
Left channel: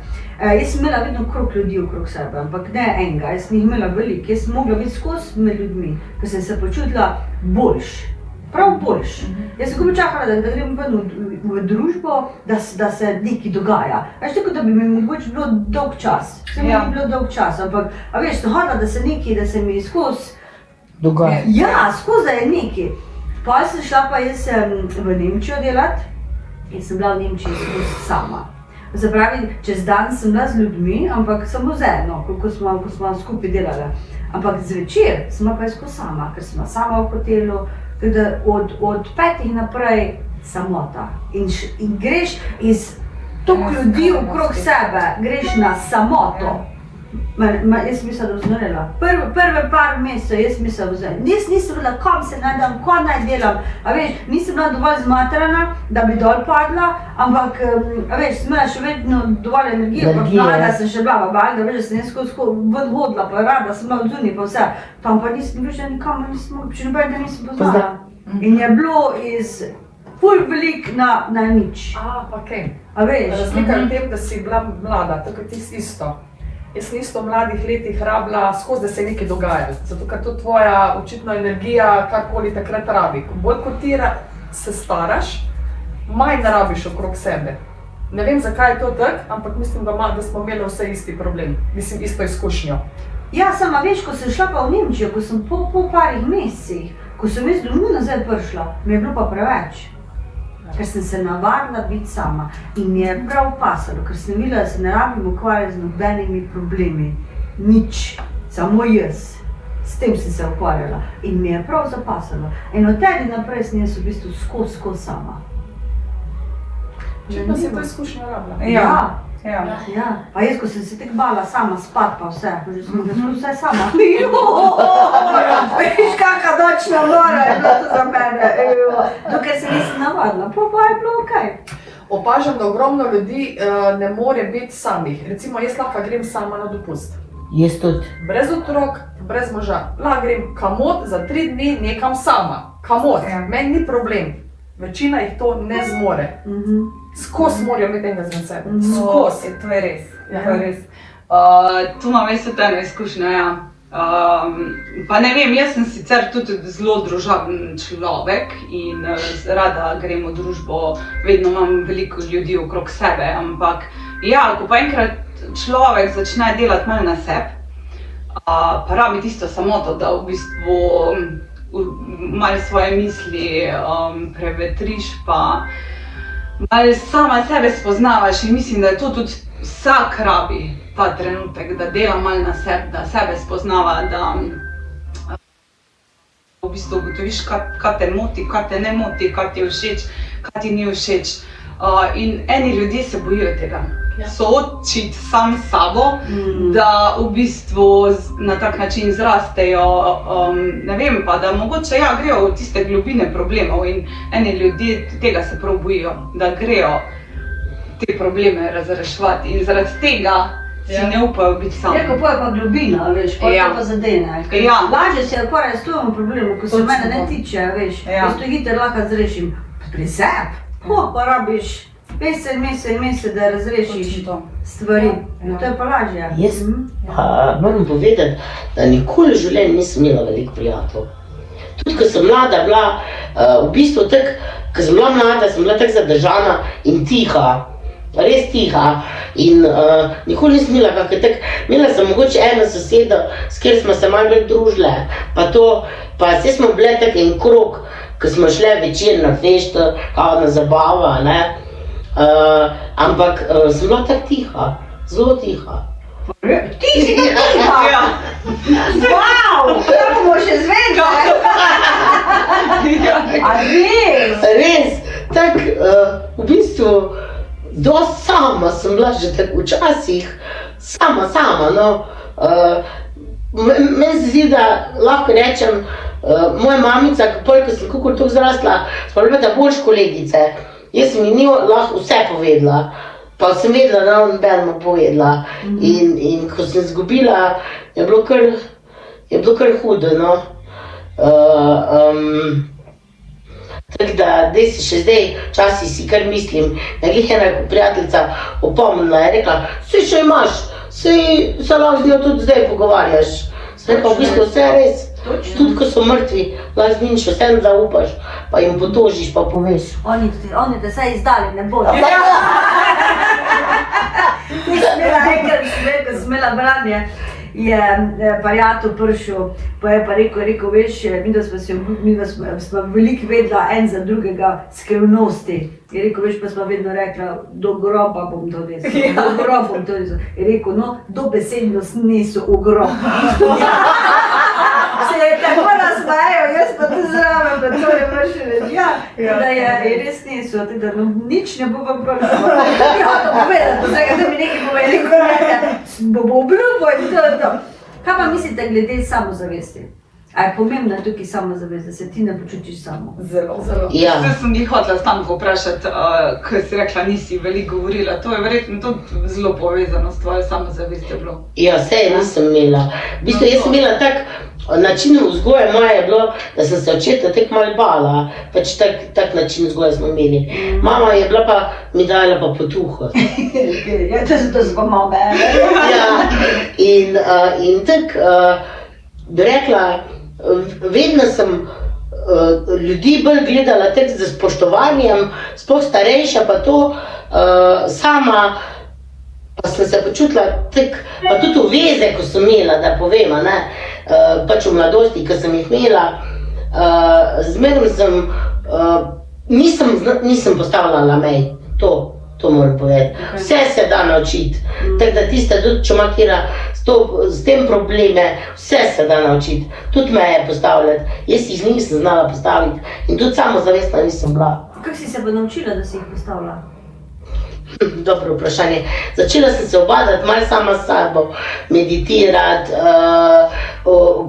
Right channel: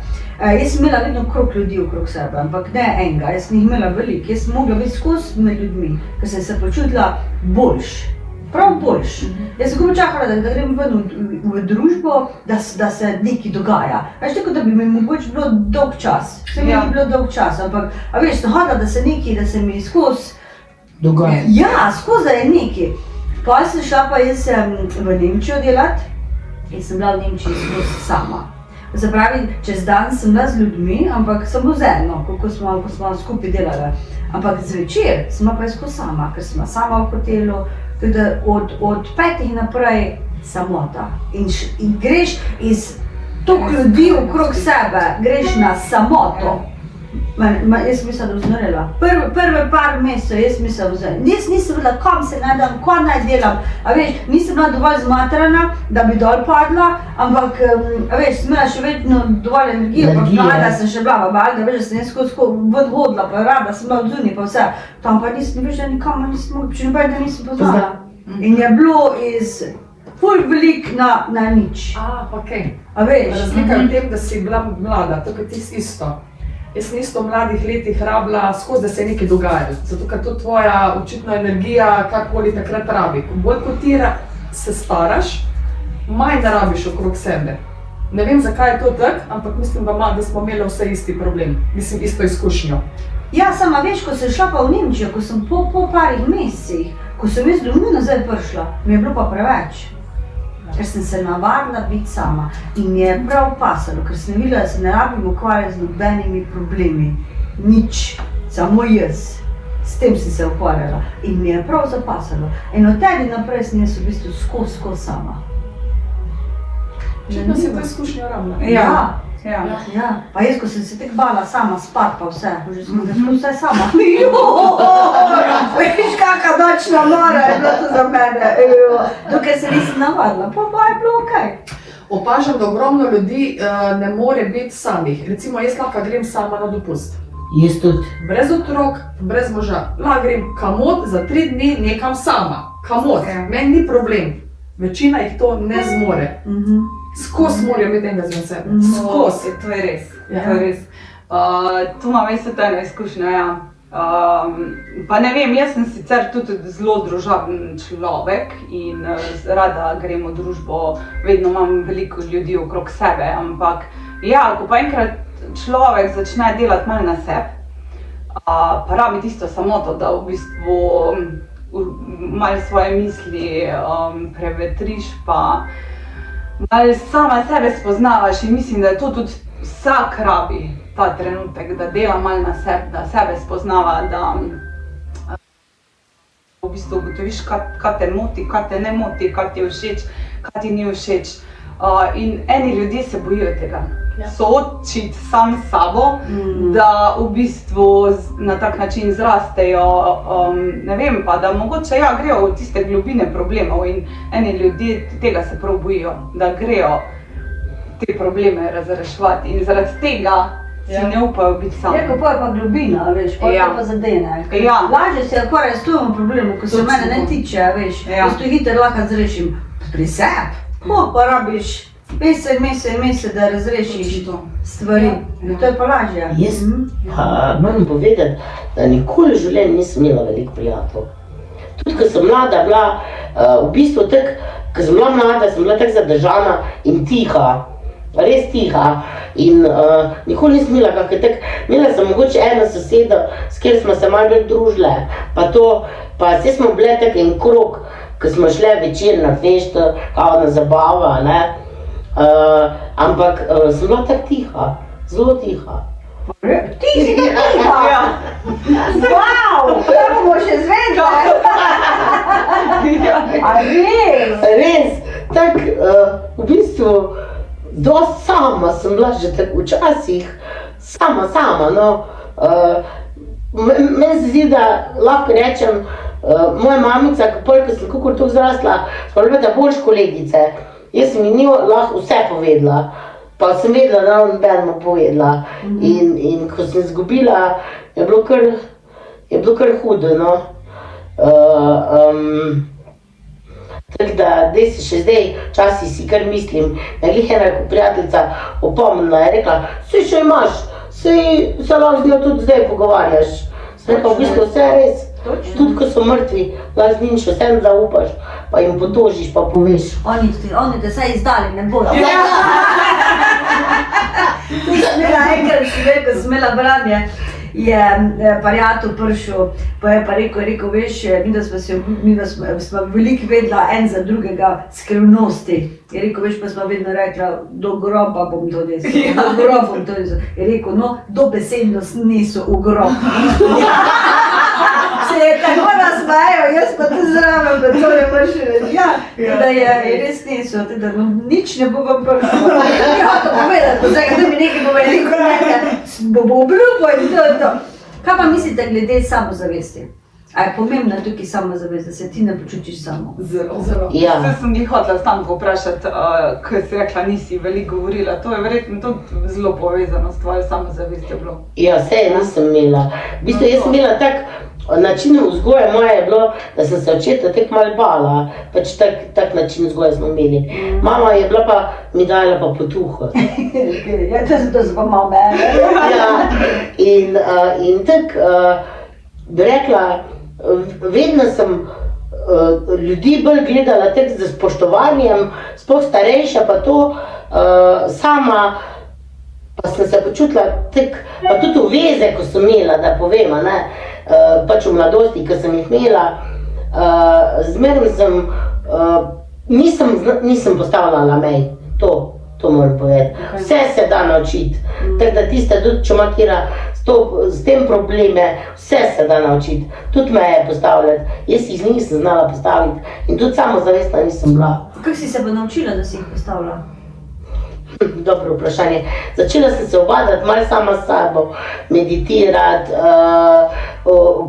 jaz sem imela vedno okrog ljudi okrog sebe, ampak ne enega, jaz sem jih imela veliko, jaz sem mogla biti skozi med ljudmi, ker sem se počutila boljš. Prav boljš. Jaz sem komaj čakala, da grem ven v družbo, da se nekaj dogaja. Veš, tako da bi mi mogoče bilo dolg čas. Se mi ni bilo dolg čas, ampak, a veš, nahoda, da se nekaj, da se mi skozi... Dogaja. Ja, skozi je nekaj. Potem sem šla pa jaz v Nemčijo delat in sem bila v Nemčiji skozi sama. Zapravi, čez dan sem bila z ljudmi, ampak samo z eno, ko smo skupaj delali. Ampak zvečer sem pa skozi sama, ker sem sama v hotelu. Od 5 naprej samota in greš iz toliko ljudi okrog sebe, greš na samoto. Jaz sem mislila, da vznorela. Prve par mesecev jaz mislila vznorela. Jaz nisem bila, kam se najdem, kaj naj delam. A veš, nisem bila dovolj zmatrana, da bi dol padla, ampak, a veš, sem imela še vedno dovolj energije, pa mlada sem še bila, da veš, da sem jaz skozi hodila, pa rada sem bila odzunaj, pa vse. Tam pa nisem več, da nikam nisem mogla, še nobenega nisem poznala. In je bilo iz ful velik na nič. Okej. A veš? Razlika je v tem, da si bila mlada, tako ti isto. Jaz sem isto v mladih letih rabila skozi, da se je nekaj dogajalo. Zato, ker to tvoja očitna energija, kakoli takrat rabi. Bolj kot ti se staraš, manj rabiš okrog sebe. Ne vem, zakaj je to tako, ampak mislim, da smo imeli vse isti problem. Mislim, isto izkušnjo. Ja, sama veš, ko sem šla pa v Nemčijo, ko sem po parih mesecih, ko sem jaz domov nazaj prišla, mi je bilo pa preveč. Ker sem se navadila biti sama in mi je prav pasalo, ker sem videla, da se ne rabim ukvarjati z nobenimi problemi. Nič, samo jaz. S tem sem se ukvarjala in mi je prav zapasalo. In od tega naprej sem jaz v bistvu skozi sama. Očitno si to izkušnjo rabila. Ja, Ja. Ja, pa jaz, ko sem se tako bala sama spat pa vse, že sem vse sama. Veš, kakšna nočna mora je bila to za mene. Dokaj se nisem navadila, pa je bilo okej. Opažam, da ogromno ljudi ne more biti samih. Recimo, jaz lahko grem sama na dopust. Jaz tudi. Brez otrok, brez moža. Lahko grem kamot za 3 dni nekam sama. Kamot, meni ni problem. Večina jih to ne zmore. Skozi morajo imeti enega z sebe. Skozi. To je res. Ja. To je res. Tu imam res eno izkušnjo, ja. Pa ne vem, jaz sem sicer tudi zelo družaben človek in rada grem v družbo, vedno imam veliko ljudi okrog sebe, ampak ja, ko pa enkrat človek začne delati malo na sebi, pa rabi tisto samoto, da v bistvu malo svoje misli prevetriš, pa malo sama sebe spoznavaš in mislim, da je to tudi vsak rabi ta trenutek, da dela malo na sebi, da sebe spoznava, da v bistvu ugotoviš, kaj te moti, kaj te ne moti, kaj ti je všeč, kaj ti ni všeč. In eni ljudje se bojijo tega. Soočiti sam s sabo, da v bistvu na tak način zrastejo, ne vem pa, da mogoče ja, grejo v tiste globine problemov in eni ljudje tega se prav bojijo, da grejo te probleme razreševati in zaradi tega si ne upajo biti sami. Je, kako je pa globina, veš, ko je pa zadene. Ja. Lažje si akvarjati s tom problemom, ko se mene ne tiče, veš. Jaz to hitro lahko zrešim pri sebi. Pa rabiš mesec, da razrešiš stvari. To je pa lažje. Jaz moram povedati, da nikoli v življenju nisem imela veliko prijateljev. Tudi ko sem mlada bila, v bistvu tako, ko sem bila mlada, sem bila tako zadržana in tiha. Res tiha in nikoli nisem imela kakve tak, imela sem mogoče eno sosedo, s kjer smo se malo bolj družile, pa vse smo bile tak en krog, ko smo šle večer na fešto, kao na zabava, ne. Ampak sem bila tako tiha, zelo tiha. Ti si tiha? Wow, to bomo še zvedeli. A res? Res, tako v bistvu dosti sama sem bila že tako včasih, sama, no. Meni se zdi, da lahko rečem, moja mamica, ko sem kakor toliko zrasla, smo bile da boljše kolegice. Jaz sem ji lahko vse povedala, pa sem vedela, da ne bom povedala. In ko sem izgubila, je bilo kar hudo, no. Tako da, zdaj se še zdaj, včasih si kar mislim, da je glih ena prijateljica opomnila, je rekla, saj še imaš, saj se lahko z njo tudi zdaj pogovarjaš. Sem rekla, v bistvu vse res, tudi ko so mrtvi, lahko z njim še vsem zaupaš, pa jim potožiš, pa poveš. Oni te saj izdali, ne bodo. Ti smela enkrat, ko sem imela branje, je prijatelj prišel, pa je pa rekel, veš, mi smo veliko vedela en za drugega skrivnosti. Je rekel, veš, pa smo vedno rekla, do groba bom to nesel, do groba bom to nesel. Je rekel, no, dobesedno niso v grob. Se je tako nasmejal, jaz pa tu zraven, pa to ne prši reči. Ja, da je res niso, da nič ne bo vam prišlo. Ja, to povedati, vsega, da mi nekaj povedali, bo obljubo in to. Kaj pa mislite glede samozavesti? A je pomembna tukaj samozavest, da se ti ne počutiš samo? Zelo. Ja. Zdaj sem jih hotela Stanko vprašati, ko si rekla, nisi veliko govorila, to je verjetno tudi zelo povezano s tvojo samozavestjo bilo. Ja, sej nisem imela. V bistvu, jaz sem imela način vzgoje moje je bilo, da sem se očeta tako malo bala, pač tak način vzgoje smo imeli. Mama je bila pa, mi dala pa potuho. Ja, to so pa mame. Ja, in tako bi rekla, vedno sem ljudi bolj gledala tako z spoštovanjem, sploh starejša pa to, sama pa sem se počutila tako, pa tudi v veze, ko sem imela, da povem, ne, pač v mladosti, ko sem jih imela, zmerno sem, nisem postavljala mej, to moram povedati. Vse se da naučiti, tako da tista tudi, če ima kjera s tem probleme, vse se da naučiti, tudi meje postavljati. Jaz jih nisem znala postaviti in tudi samozavestna nisem bila. Kako si se pa naučila, da si jih postavila? Dobro vprašanje. Začela sem se obadati malo sama s sabo, meditirati,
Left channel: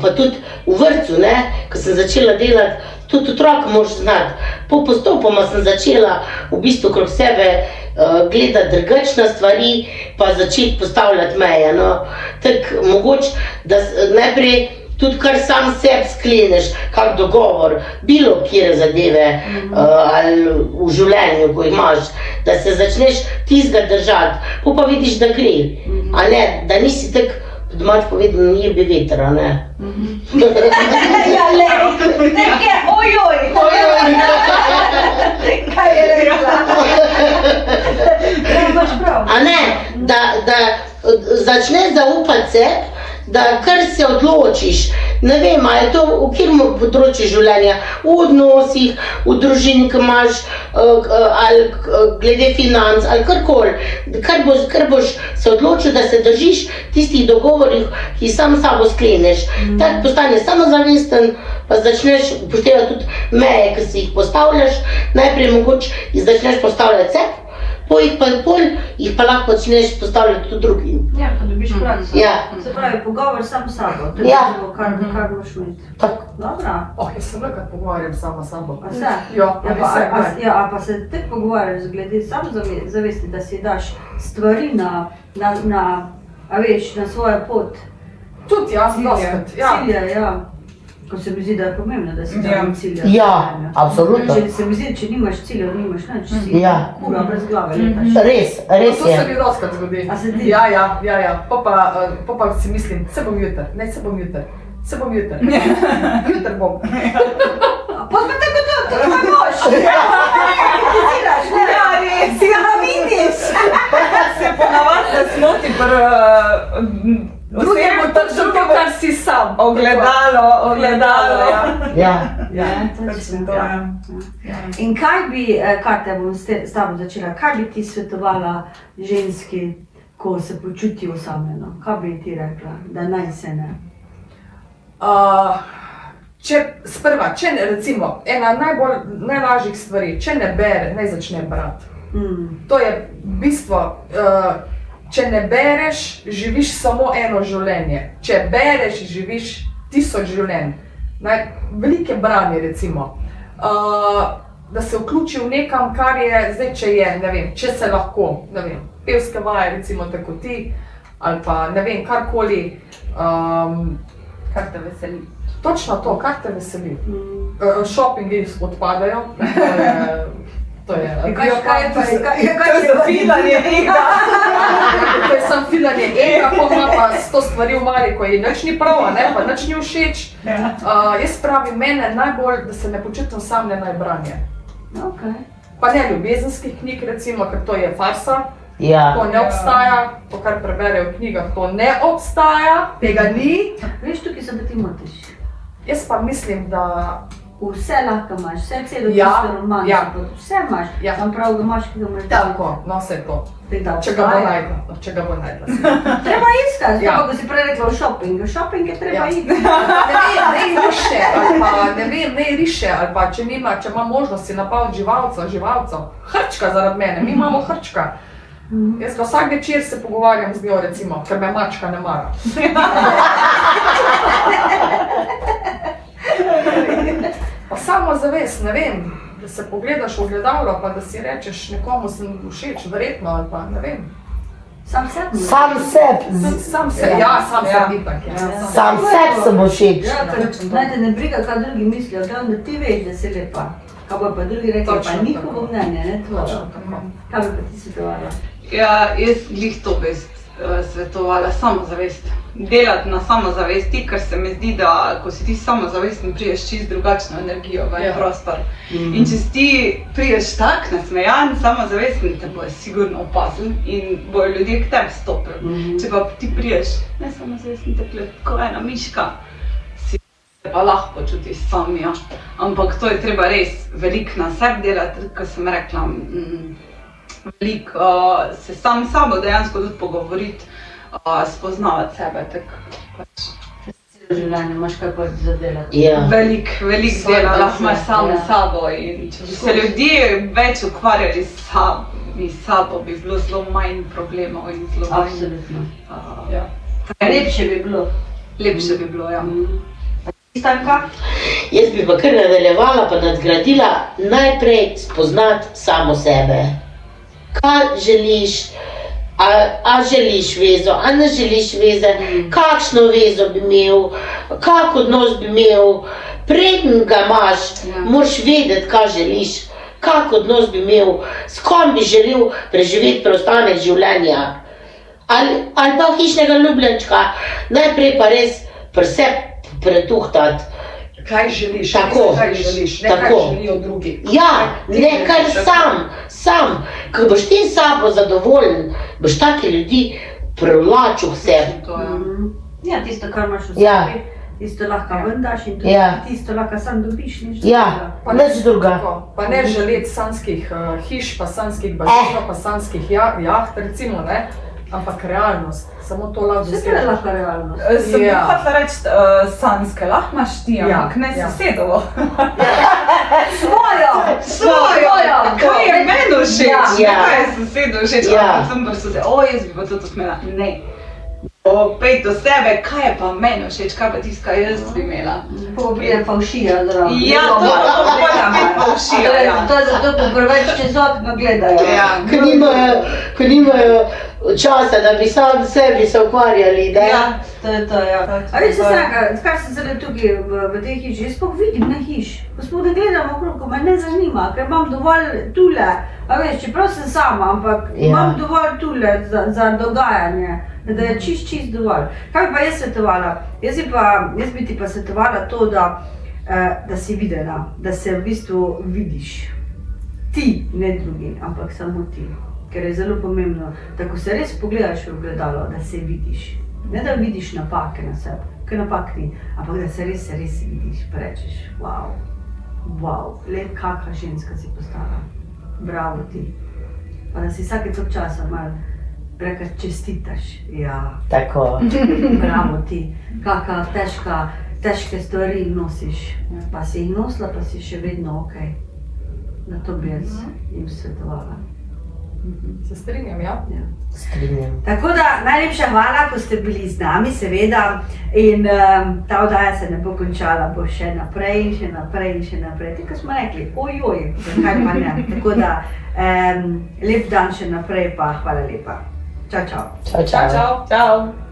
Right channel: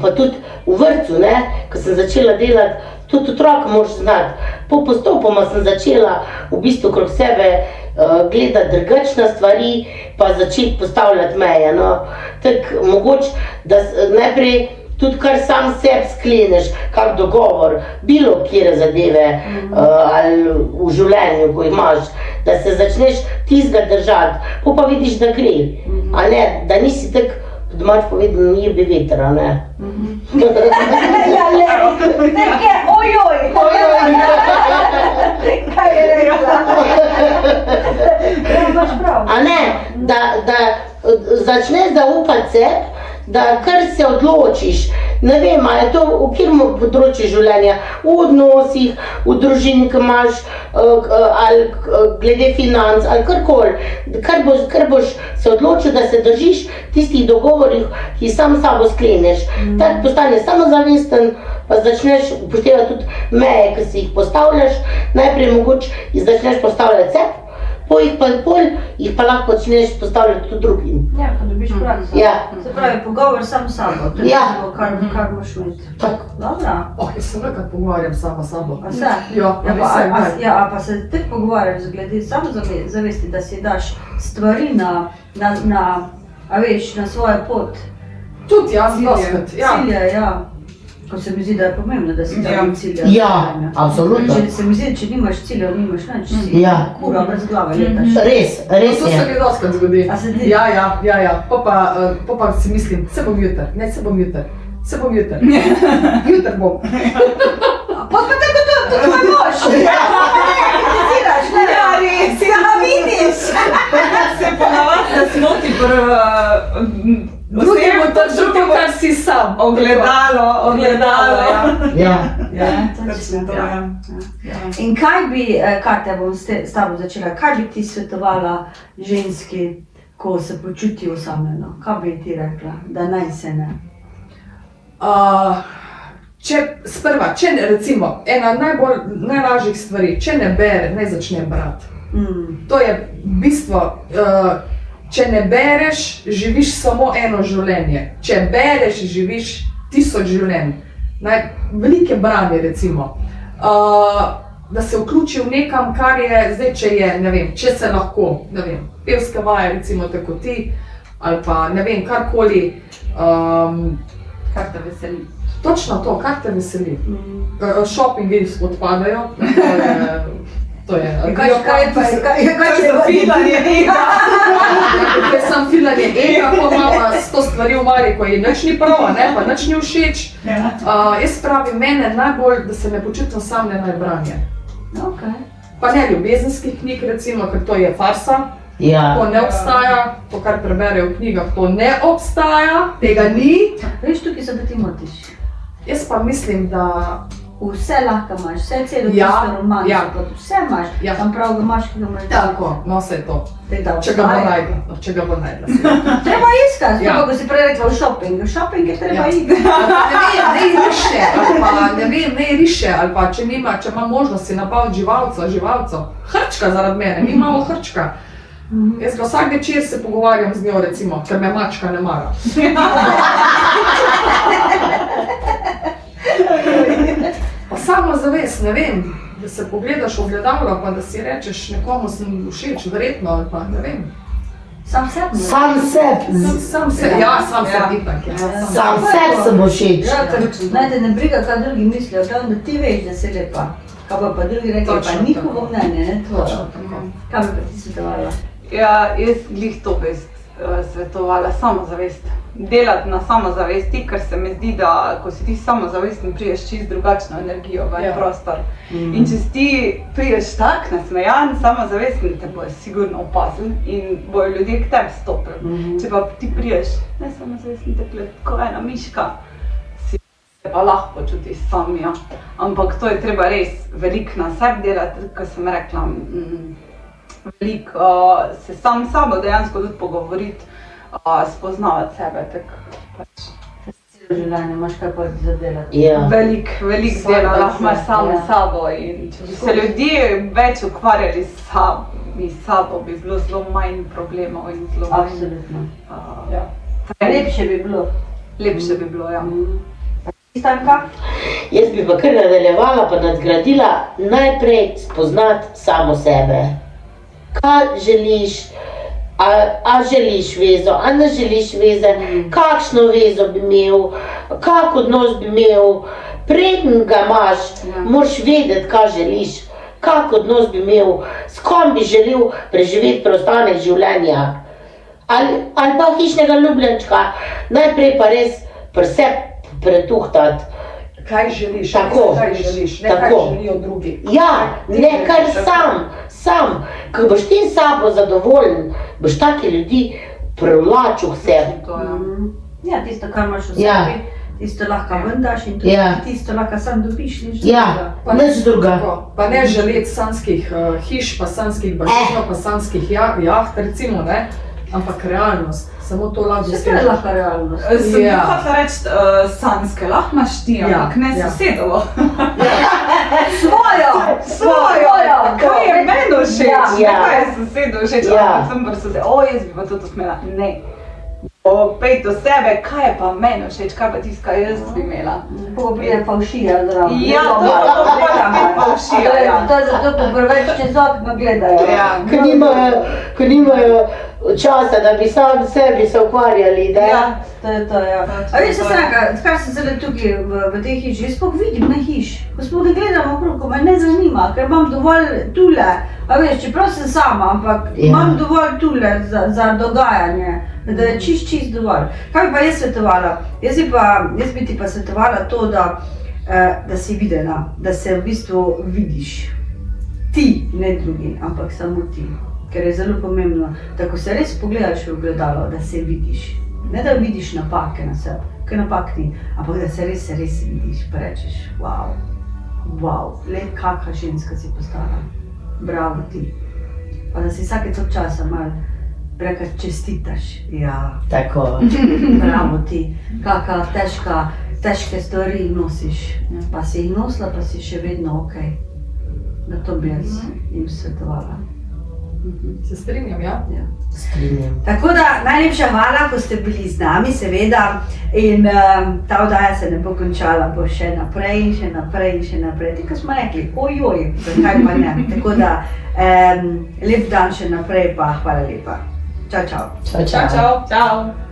pa tudi v vrtcu, ne, ko sem začela delati, tudi otroka moraš znati. Postopoma sem začela v bistvu krog sebe gledati drugače na stvari, pa začeti postavljati meje. No. Tako mogoče, da najprej tudi kar sam sebi skleneš, kak dogovor, bilo kjere zadeve ali v življenju, ko imaš, da se začneš tistega držati, pa vidiš, da gre, a ne, da nisi tako, po domač povedano, ni bi vetra, ne. Ja, nekje, ojoj, kaj je rekla? Imaš prav. A ne, da začneš zaupati sebi, da kar se odločiš, ne vem, a je to v katerem področju življenja, v odnosih, v družini, ki imaš, ali glede financ, ali karkoli, kar boš se odločil, da se držiš tistih dogovorih, ki sam s sabo skleneš. Tako postaneš samozavesten, pa začneš upoštevati tudi meje, ki si jih postavljaš, najprej mogoče začneš postavljati sebi, jih pa lahko začneš postavljati tudi drugim. Ja, ko dobiš prakso. Ja. Se pravi, pogovor sam s sabo, to je to, kar moraš imeti. Dobro. Jaz se nekaj pogovarjam sama s sabo. A se? Ja, A pa se ti pogovarjaš glede samozavesti, da si daš stvari a veš, na svojo pot. Tudi jaz, doskrat. Cilje, ja. Ko se mi zdi, da je pomembno, da si dajem cilje. Ja, absolutno. Se mi zdi, če nimaš ciljev, nimaš nič, si kura brez glave letaš. Res To se je. mi doskrat zgodi. A se ti? Ja. Pa si mislim, se bom jutr, ne se bom jutr. Se bom jutr. Jutr bom. Pa tako to pa boš. Kritiziraš, ne? Ja, res. Ja, vidiš. Se ponavadi nasmoti Drugemu držu to, kar si sam. ogledalo. Ja. Ja, točno to. In kaj bi, Katja, bom s tabo začela, kaj bi ti svetovala ženski, ko se počuti osamljeno? Kaj bi ti rekla, da naj se ne? Če recimo, ena najlažjih stvari, če ne bere, naj začne brati. To je bistvo, če ne bereš, živiš samo eno življenje. Če bereš, živiš 1000 življenj. Velike branje recimo. Da se vključi v nekam, kar je, zdaj če je, ne vem, če se lahko, ne vem, pevske vaje recimo tako ti, ali pa ne vem, karkoli. Kar te veseli. Točno to, kar te veseli. Shoppingi odpadajo, to je. Kaj je filanje ega? Ker sem filanje ega, ko imamo 100 stvari v mali, ko ji nič ni prav, ne, pa nič ni všeč. Jaz pravim, mene najbolj, da se ne počutim samljena je branje. Pa ne ljubezenskih knjig recimo, ker to je farsa. To ne obstaja, to kar preberejo v knjigah, to ne obstaja, tega ni. Veš, tukaj se pa ti motiš. Jaz pa mislim, da vse lahko imaš, vse celo tisto romansko, vse imaš, tam prav imaš, ki ga imaš. Tako, no vse to. Če ga bo najdla. Treba iskati, tako ko si prej rekla v shopping je treba iti. Ne riše, ali pa če ima možnost si napaviti živalcev, hrčka zaradi mene, mi imamo hrčka. Jaz ga vsak večer se pogovarjam z njo recimo, ker me mačka ne mara. Pa samozavest, ne vem, da se pogledaš v ogledalo, pa da si rečeš nekomu sem všeč, verjetno, ali pa ne vem. Sam sebi? Sam sebi. Ja, sam sebi itak. Sam sebi sem všeč. Ja, ker te ne briga, kaj drugi mislijo, da ti veš, da si lepa. Kaj pa drugi rekli, pa njihovo mnenje, ne tvoje. Kaj bi pa ti svetovala? Ja, jaz glih to bi svetovala, samozavest. Delati na samozavesti, ker se mi zdi, da ko si ti samozavesten, priješ čist drugačno energijo v en prostor. In če si ti priješ tak nasmejan, samozavesten, te bojo sigurno opazili in bojo ljudje k tebi stopili. Če pa ti priješ nesamozavesten, takole, ko ena miška, si pa lahko počutiš samija. Ampak to je treba res veliko na sebi delati, kot sem rekla, veliko se sam s sabo dejansko tudi pogovoriti, spoznavati sebe, tako pač. Celo življenje imaš kaj pa za delati. Veliko dela lahko imaš sam s sabo in če bi se ljudje več ukvarjali s mi s sabo bi bilo zelo manj problemov in zelo manj, Absolutno. Ja. Lepše bi bilo. lepše bi bilo, ja. Stanka? Jaz bi pa kar nadaljevala pa nadgradila najprej spoznati samo sebe. Kaj želiš, a želiš vezo, a ne želiš veze, kakšno vezo bi imel, kak odnos bi imel. Preden ga imaš, moraš vedeti, kaj želiš, kak odnos bi imel, s kom bi želel preživeti preostanek življenja. Ali pa hišnega ljubljenčka, najprej pa res pri sebi pretuhtati. Kaj želiš, Tako. kaj želiš, ne Tako. kaj želijo drugi. Ja, ne kar sam. Ko boš ti s sabo zadovoljen, boš take ljudi privlačil k sebi. To je. Ja, tisto, kar imaš v Ja. sebi, tisto lahko ven daš in tudi Ja. tisto lahko sam dobiš. Nič Ja, drugega. nič druga. Tako, pa ne želeti sanskih hiš, pa sanskih bazenov, pa sanskih jaht, recimo, ne? Ampak realnost, samo to lahko Vse to je lahko realnost. Sem Ja. hotela reči sanske, lahko imaš ti, Ja, ampak ne ja. sosedovo. Svojo! Kaj je meni všeč? Ja. Kaj je sosedu všeč? Ja. Sem pa sosed, jaz bi pa to smela. Ne. Pej do sebe, kaj je pa meni všeč, kaj pa tisto, kaj jaz bi imela. Ko pride faušija zraven. Ja, to mora biti faušija, ja. To je zato, ko preveč čez okno gledajo. Ja. Ko nimajo časa, da bi sam sebi se ukvarjali, da? Ja, to je to, ja. A veš, Stranka, kar se zdaj tukaj v tej hiši, jaz sploh vidim na hiš. Ko smo da gledamo okrog, ko me ne zanima, ker imam dovolj tule. A veš, čeprav sem sama, ampak imam dovolj tule za dogajanje, da je čist dovolj. Kaj bi pa jaz svetovala? Jaz bi ti pa svetovala to, da si videna, da se v bistvu vidiš. Ti, ne drugi, ampak samo ti. Ker je zelo pomembno, da ko se res pogledaš v ogledalo, da se vidiš. Ne da vidiš napake na sebi, ker napak ni, ampak da se res vidiš, pa rečeš, wow, le kakšna ženska si postala, bravo ti. Pa da si vsake toliko časa malo reka čestitaš, ja, Tako. bravo ti, kakšna težke stvari nosiš, pa si jih nosila, pa si še vedno okej. Da to bi jaz jim svetovala. Se strinjam, ja? Ja. Strinjam. Tako da najlepša hvala, ko ste bili z nami, seveda. In ta oddaja se ne bo končala, bo še naprej in še naprej in še naprej. Tako smo rekli, ojoj, zakaj pa ne. Tako da lep dan še naprej, pa hvala lepa. Čau, čau. Čau, Čau, čau.